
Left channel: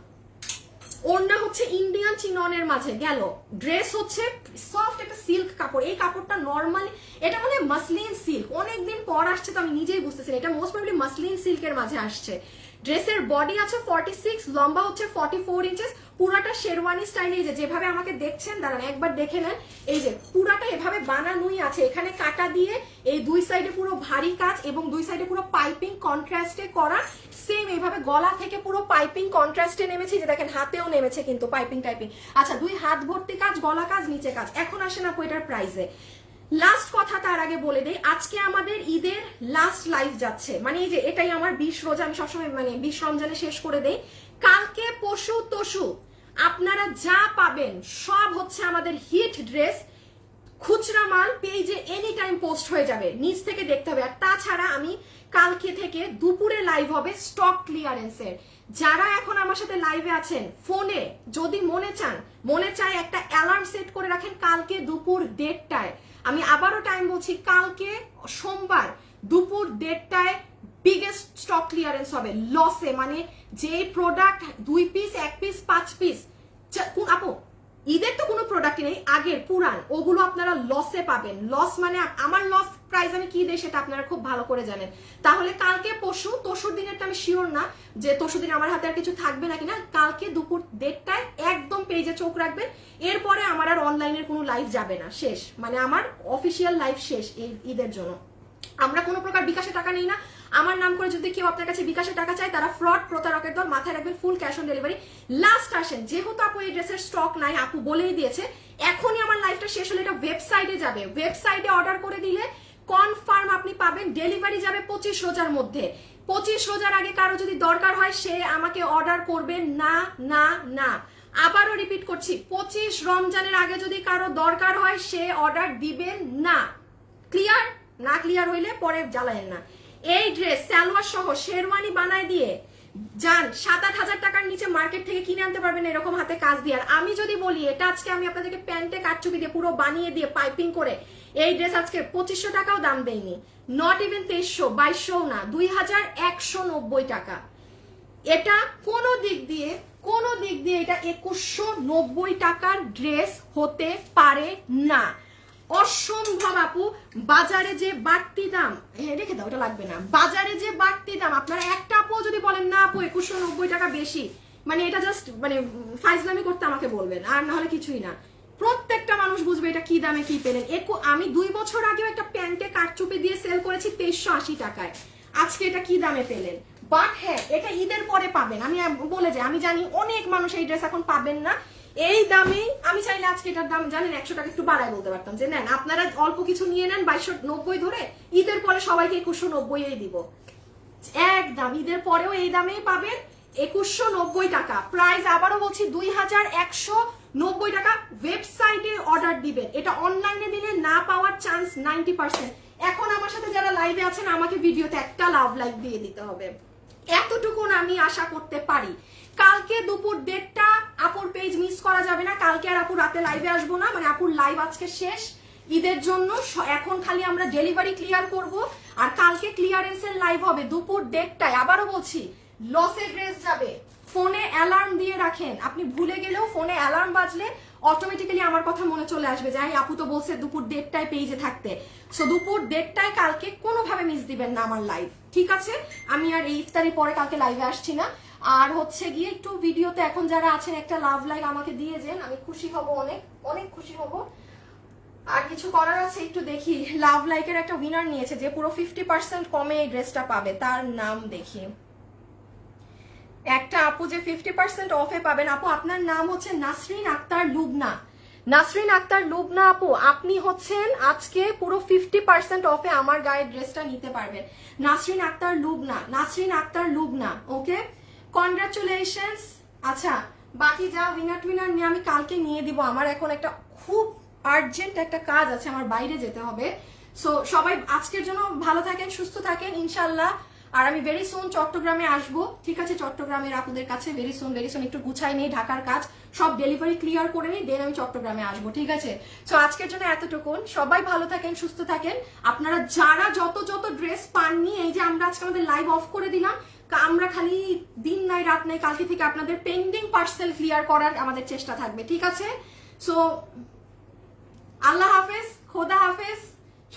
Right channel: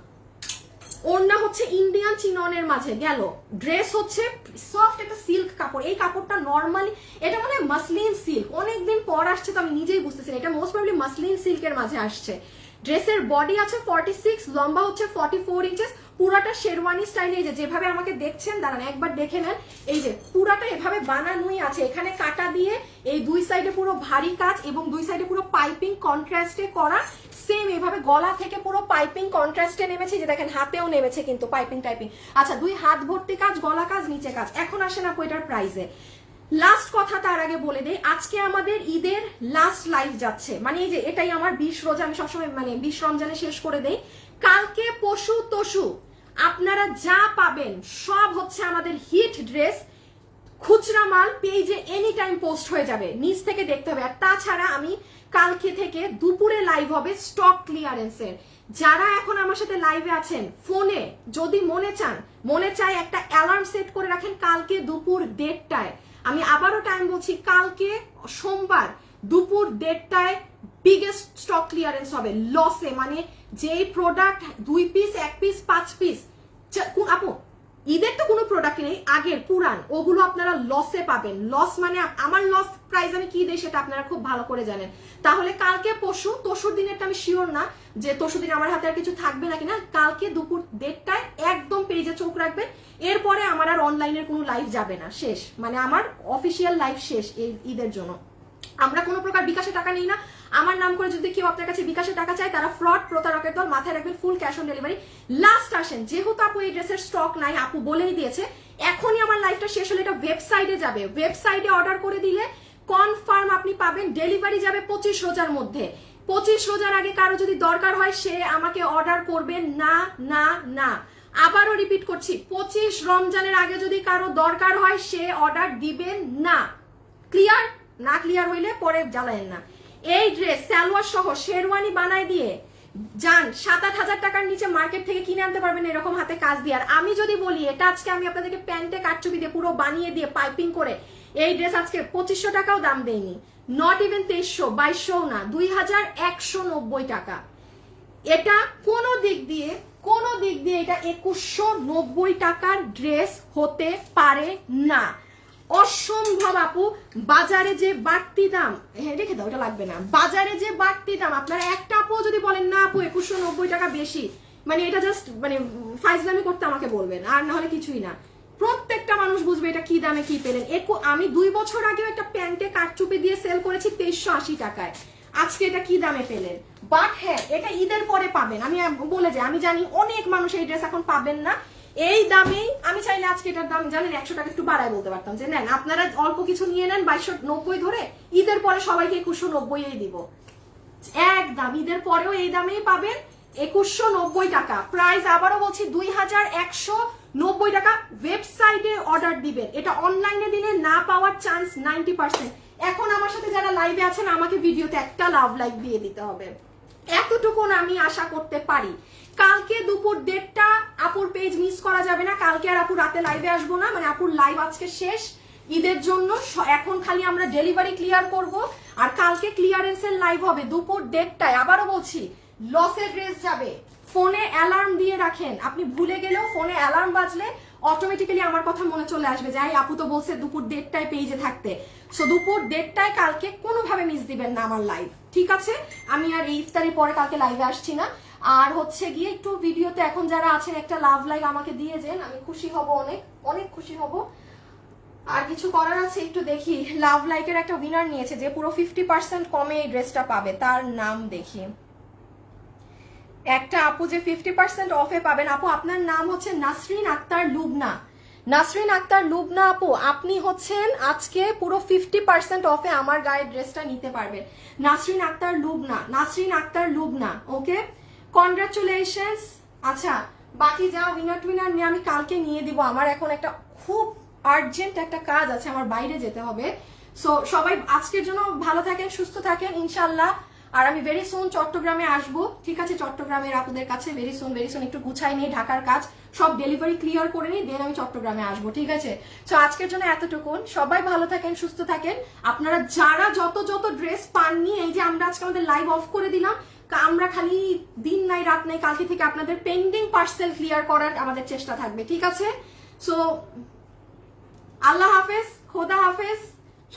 ওড়না হচ্ছে ইন্ডিয়ান চিননের মাঝে গেল। ড্রেস হচ্ছে সফট একটা সিল্ক কাপড়। এই কাপড়টা নর্মালি এটা মানে মাসলিন সিল্ক, অনেকদিন পর আসছে তো আমি নিজেই বুঝতেছি এটা মোস্ট প্রবাবলি মাসলিন সিল্কের মাঝে আসছে। ড্রেসের বডি আছে 46, লম্বা হচ্ছে 44 ইঞ্চেস। পুরাটা শেরওয়ানি স্টাইলে, যেভাবে আমাকে দেখছেন দাঁড়ান একবার দেখে নেন। এই যে পুরাটা এভাবে বানানোই আছে, এখানে কাটা দিয়ে এই দুই সাইডে পুরো ভারী কাজ এবং দুই সাইডে পুরো পাইপিং কন্ট্রাস্টে করা। সেম এইভাবে গলা থেকে পুরো পাইপিং কন্ট্রাস্টে নেমেছে, যে দেখেন হাতেও নেমেছে কিন্তু পাইপিং টাইপিং। আচ্ছা, দুই হাত ভর্তি কাজ, গলা কাজ, নিচে কাজ। এখন আসেন আপু এটার প্রাইসে। লাস্ট কথা তার আগে বলে দেই, আজকে আমাদের ঈদের লাস্ট লাইভ যাচ্ছে, মানে এই যে এটাই আমার 20 রোজা, আমি সবসময় মানে 20 রমজানে শেষ করে দেই। কালকে পশু তসু আপনারা যা পাবেন সব হচ্ছে আমাদের হিট ড্রেস, খুচরা মাল পেজে এনি টাইম পোস্ট হয়ে যাবে, নিচ থেকে দেখতে হবে। আর তাছাড়া আমি কালকে থেকে দুপুরে লাইভ হবে স্টক ক্লিয়ারেন্সের। যারা এখন আমার সাথে লাইভে আছেন, ফোনে যদি মনে চায় একটা অ্যালার্ম সেট করে রাখেন কালকে দুপুর 1:30টায়। আমি আবারও টাইম বলছি, কালকে সোমবার দুপুর 1:30টায় বিগেস্ট স্টক ক্লিয়ারেন্স হবে লসে, মানে যেই প্রোডাক্ট 2 পিস 1 পিস 5 পিস, আপু ঈদের তো কোনো প্রোডাক্ট নেই, আগের পুরান ওগুলো আপনারা লসে পাবেন। লস মানে আমার লস প্রাইস আমি কি দিই সেটা আপনারা খুব ভালো করে জানেন। তাহলে কালকে তসুর দিনেরটা আমি শিওর না যে তসুর দিন আমার হাতে আর কিছু থাকবে নাকি না। কালকে দুপুর 1:30টায় একদম পেজে চোখ রাখবেন। এরপরে আমার আর অনলাইনের কোনো লাইভ যাবে না, শেষ, মানে আমার অফিসিয়াল লাইভ শেষ এই ঈদের জন্য। আমরা কোনো প্রকার বিকাশে টাকা নিই না। আমার নাম করে যদি কেউ আপনার কাছে বিকাশে টাকা চায় তারা ফ্রড, প্রতারকের দল। মাথায় রাখবেন, full cash on delivery. Last আসেন, যেহেতু আপু এই ড্রেসের স্টক নাই, আপু বলেই দিয়েছে এখনই আমার লাইফটা শেষ হলে এটা ওয়েবসাইটে যাবে। ওয়েবসাইটে অর্ডার করে দিলে কনফার্ম আপনি পাবেন, ডেলিভারি যাবে 25 রোজার মধ্যে। 25 রোজার আগে কারো যদি দরকার হয় সে আমাকে অর্ডার করবেন না না না। আবারও রিপিট করছি, 25 রমজানের আগে যদি কারো দরকার হয় সে অর্ডার দিবেন না। ক্লিয়ার? না ক্লিয়ার হইলে পরে জ্বালায়েন না। এই ড্রেস সালোয়ার সহ শেরওয়ানি বানায় দিয়ে যান 7-8 হাজার টাকার নিচে মার্কেট থেকে কিনে আনতে পারবেন এরকম হাতে কাজ দিয়ে। আর আমি যদি বলি এটা আজকে আমি আপনাদেরকে প্যান্টে কাটচুপি দিয়ে পুরো বানিয়ে দিয়ে পাইপিং করে এই ড্রেস আজকে 2500 টাকাও দাম দেয়নি, নট ইভেন 2300, 2200 না, 2190 টাকা। এটা কোনো দিক দিয়ে এটা 2190 টাকার ড্রেস হতে পারে না, অসম্ভব আপু। বাজারে যে বাড়তি দাম, রেখে দাও, ওটা লাগবে না। বাজারে যে বাড়তি দাম, আপনারা একটা আপু যদি বলেন না আপু 2190 টাকা বেশি, মানে এটা জাস্ট মানে ফাইজলামি করতে আমাকে বলবেন, আর না হলে কিছুই না। প্রত্যেকটা মানুষ বুঝবে এটা কি দামে কি পেলেন। আমি 2 বছর আগে একটা প্যান্টে কাটচুপি দিয়ে সেল করেছি 2380 টাকায়, আজকে এটা কি দামে পেলেন। বাট হ্যাঁ, এটা ঈদের পরে পাবেন। আমি বলে যাই, আমি জানি অনেক মানুষ এই ড্রেস এখন পাবেন না এই দামেই। আমি চাইলে আজকে এটার দাম জানেন 100 টাকা একটু বাড়ায় বলতে পারতাম যে নেন আপনারা অল্প কিছু নিয়ে নেন 2290 ধরে, ঈদের পরে সবাইকে 2190 দিব। একদম ঈদের পরেও এই দামেই পাবেন, 2190 টাকা প্রাইস। আবারও বলছি 2190 টাকা। ওয়েবসাইটে অর্ডার দিবেন, এটা অনলাইনে দিলে না পাওয়ার চান্স 90%। এখন আমার সাথে যারা লাইভে আছেন আমাকে ভিডিওতে একটা লাভ লাইক দিয়ে দিতে হবে, এতটুকুন আমি আশা করতে পারি। কালকে দুপুর 1:30টা আপুর পেজ মিস করা যাবে না। কালকে আর আপু রাতে লাইভে আসবো না, মানে আপুর লাইভ আজকে শেষ ঈদের জন্য। এখন খালি আমরা ডেলিভারি ক্লিয়ার করব, আর কালকে ক্লিয়ারেন্সের লাইভ হবে দুপুর 1:30টায়। আবারও বলছি, লসে ড্রেস যাবে। ফোনে অ্যালার্ম দিয়ে রাখেন, আপনি ভুলে গেলেও ফোনে অ্যালার্ম বাজলে অটোমেটিক্যালি আমার কথা মনে চলে আসবে যে আপু তো বলছে দুপুর 1:30টায় পেজে থাকতে। সো দুপুর 1:30টায় কালকে কোনোভাবে মিস দিবেন না আমার লাইভ, ঠিক আছে? আমি আর এই ইফতারির পরে কালকে লাইভে আসছি না। আর হচ্ছে গিয়ে একটু ভিডিওতে এখন যারা আছেন একটা লাভ লাইক আমাকে দিয়ে যান, আমি খুশি হব, অনেক অনেক খুশি হব। আর কিছু করার আছে একটু দেখি। লাভ লাইকের একটা উইনার নিয়েছে যে পুরো 50% কমে এই ড্রেসটা পাবে, তার নাম দেখি। একটা আপু যে 50% অফে পাবেন, আপু আপনার নাম হচ্ছে নাসরিন আক্তার লুবনা। নাসরিন আক্তার লুবনা আপু, আপনি হচ্ছেন আজকে পুরো 50% অফে আমার গায়ের ড্রেসটা নিতে পারবেন। নাসরিন আক্তার লুবনা, নাসরিন আক্তার লুবনা, ওকে, কনগ্রাচুলেশনস। আচ্ছা, বাকি যা উইনার নিয়ে আমি কালকে নিয়ে দিব। আমার এখন একটা খুব আর্জেন্ট একটা কাজ আছে, আমার বাইরে যেতে হবে। সো সবাই আজকের জন্য ভালো থাকেন, সুস্থ থাকেন ইনশাল্লাহ। আর আমি ভেরি সুন চট্টগ্রামে আসবো, ঠিক আছে? চট্টগ্রামের আপুদের কাছে ভেরি সুন একটু গুছাই নেই, ঢাকার কাজ সব ডেলিভারি ক্লিয়ার করে নিই, দেন আমি চট্টগ্রামে আসবো, ঠিক আছে? তো আজকের জন্য এতটুকুন। সবাই ভালো থাকেন, সুস্থ থাকেন। আপনারা যারা যত ড্রেস পাননি, এই যে আমরা আজকে আমাদের লাইভ অফ করে দিলাম, আমরা খালি দিন নাই রাত নাই কালকে থেকে আপনাদের পেন্ডিং পার্সেল ক্লিয়ার করার আমাদের চেষ্টা থাকবে, ঠিক আছে? সো আল্লাহ হাফেজ, খোদা হাফেজ।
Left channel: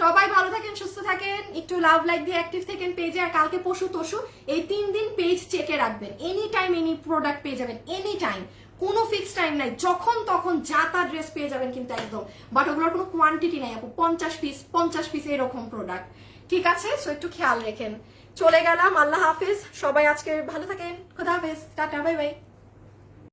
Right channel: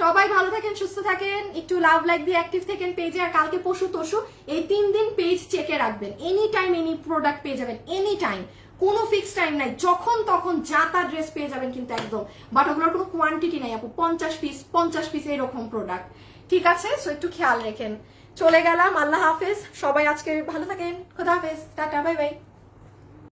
সবাই ভালো থাকেন, সুস্থ থাকেন, একটু লাভ লাইক দিয়ে অ্যাক্টিভ থাকেন পেজে। আর কালকে পশু তসু এই 3 দিন পেজ চেকে রাখবেন, এনি টাইম এনি প্রোডাক্ট পেয়ে যাবেন, এনি টাইম, কোনো ফিক্স টাইম নাই, যখন তখন যা তা ড্রেস পেয়ে যাবেন কিন্তু একদম। বাট ওগুলোর কোনো কোয়ান্টিটি নাই আপু, 50 পিস এরকম প্রোডাক্ট, ঠিক আছে? সো একটু খেয়াল রেখেন। চলে গেলাম, আল্লাহ হাফেজ। সবাই আজকে ভালো থাকেন, খোদা হাফেজ, টাটা, বাই বাই।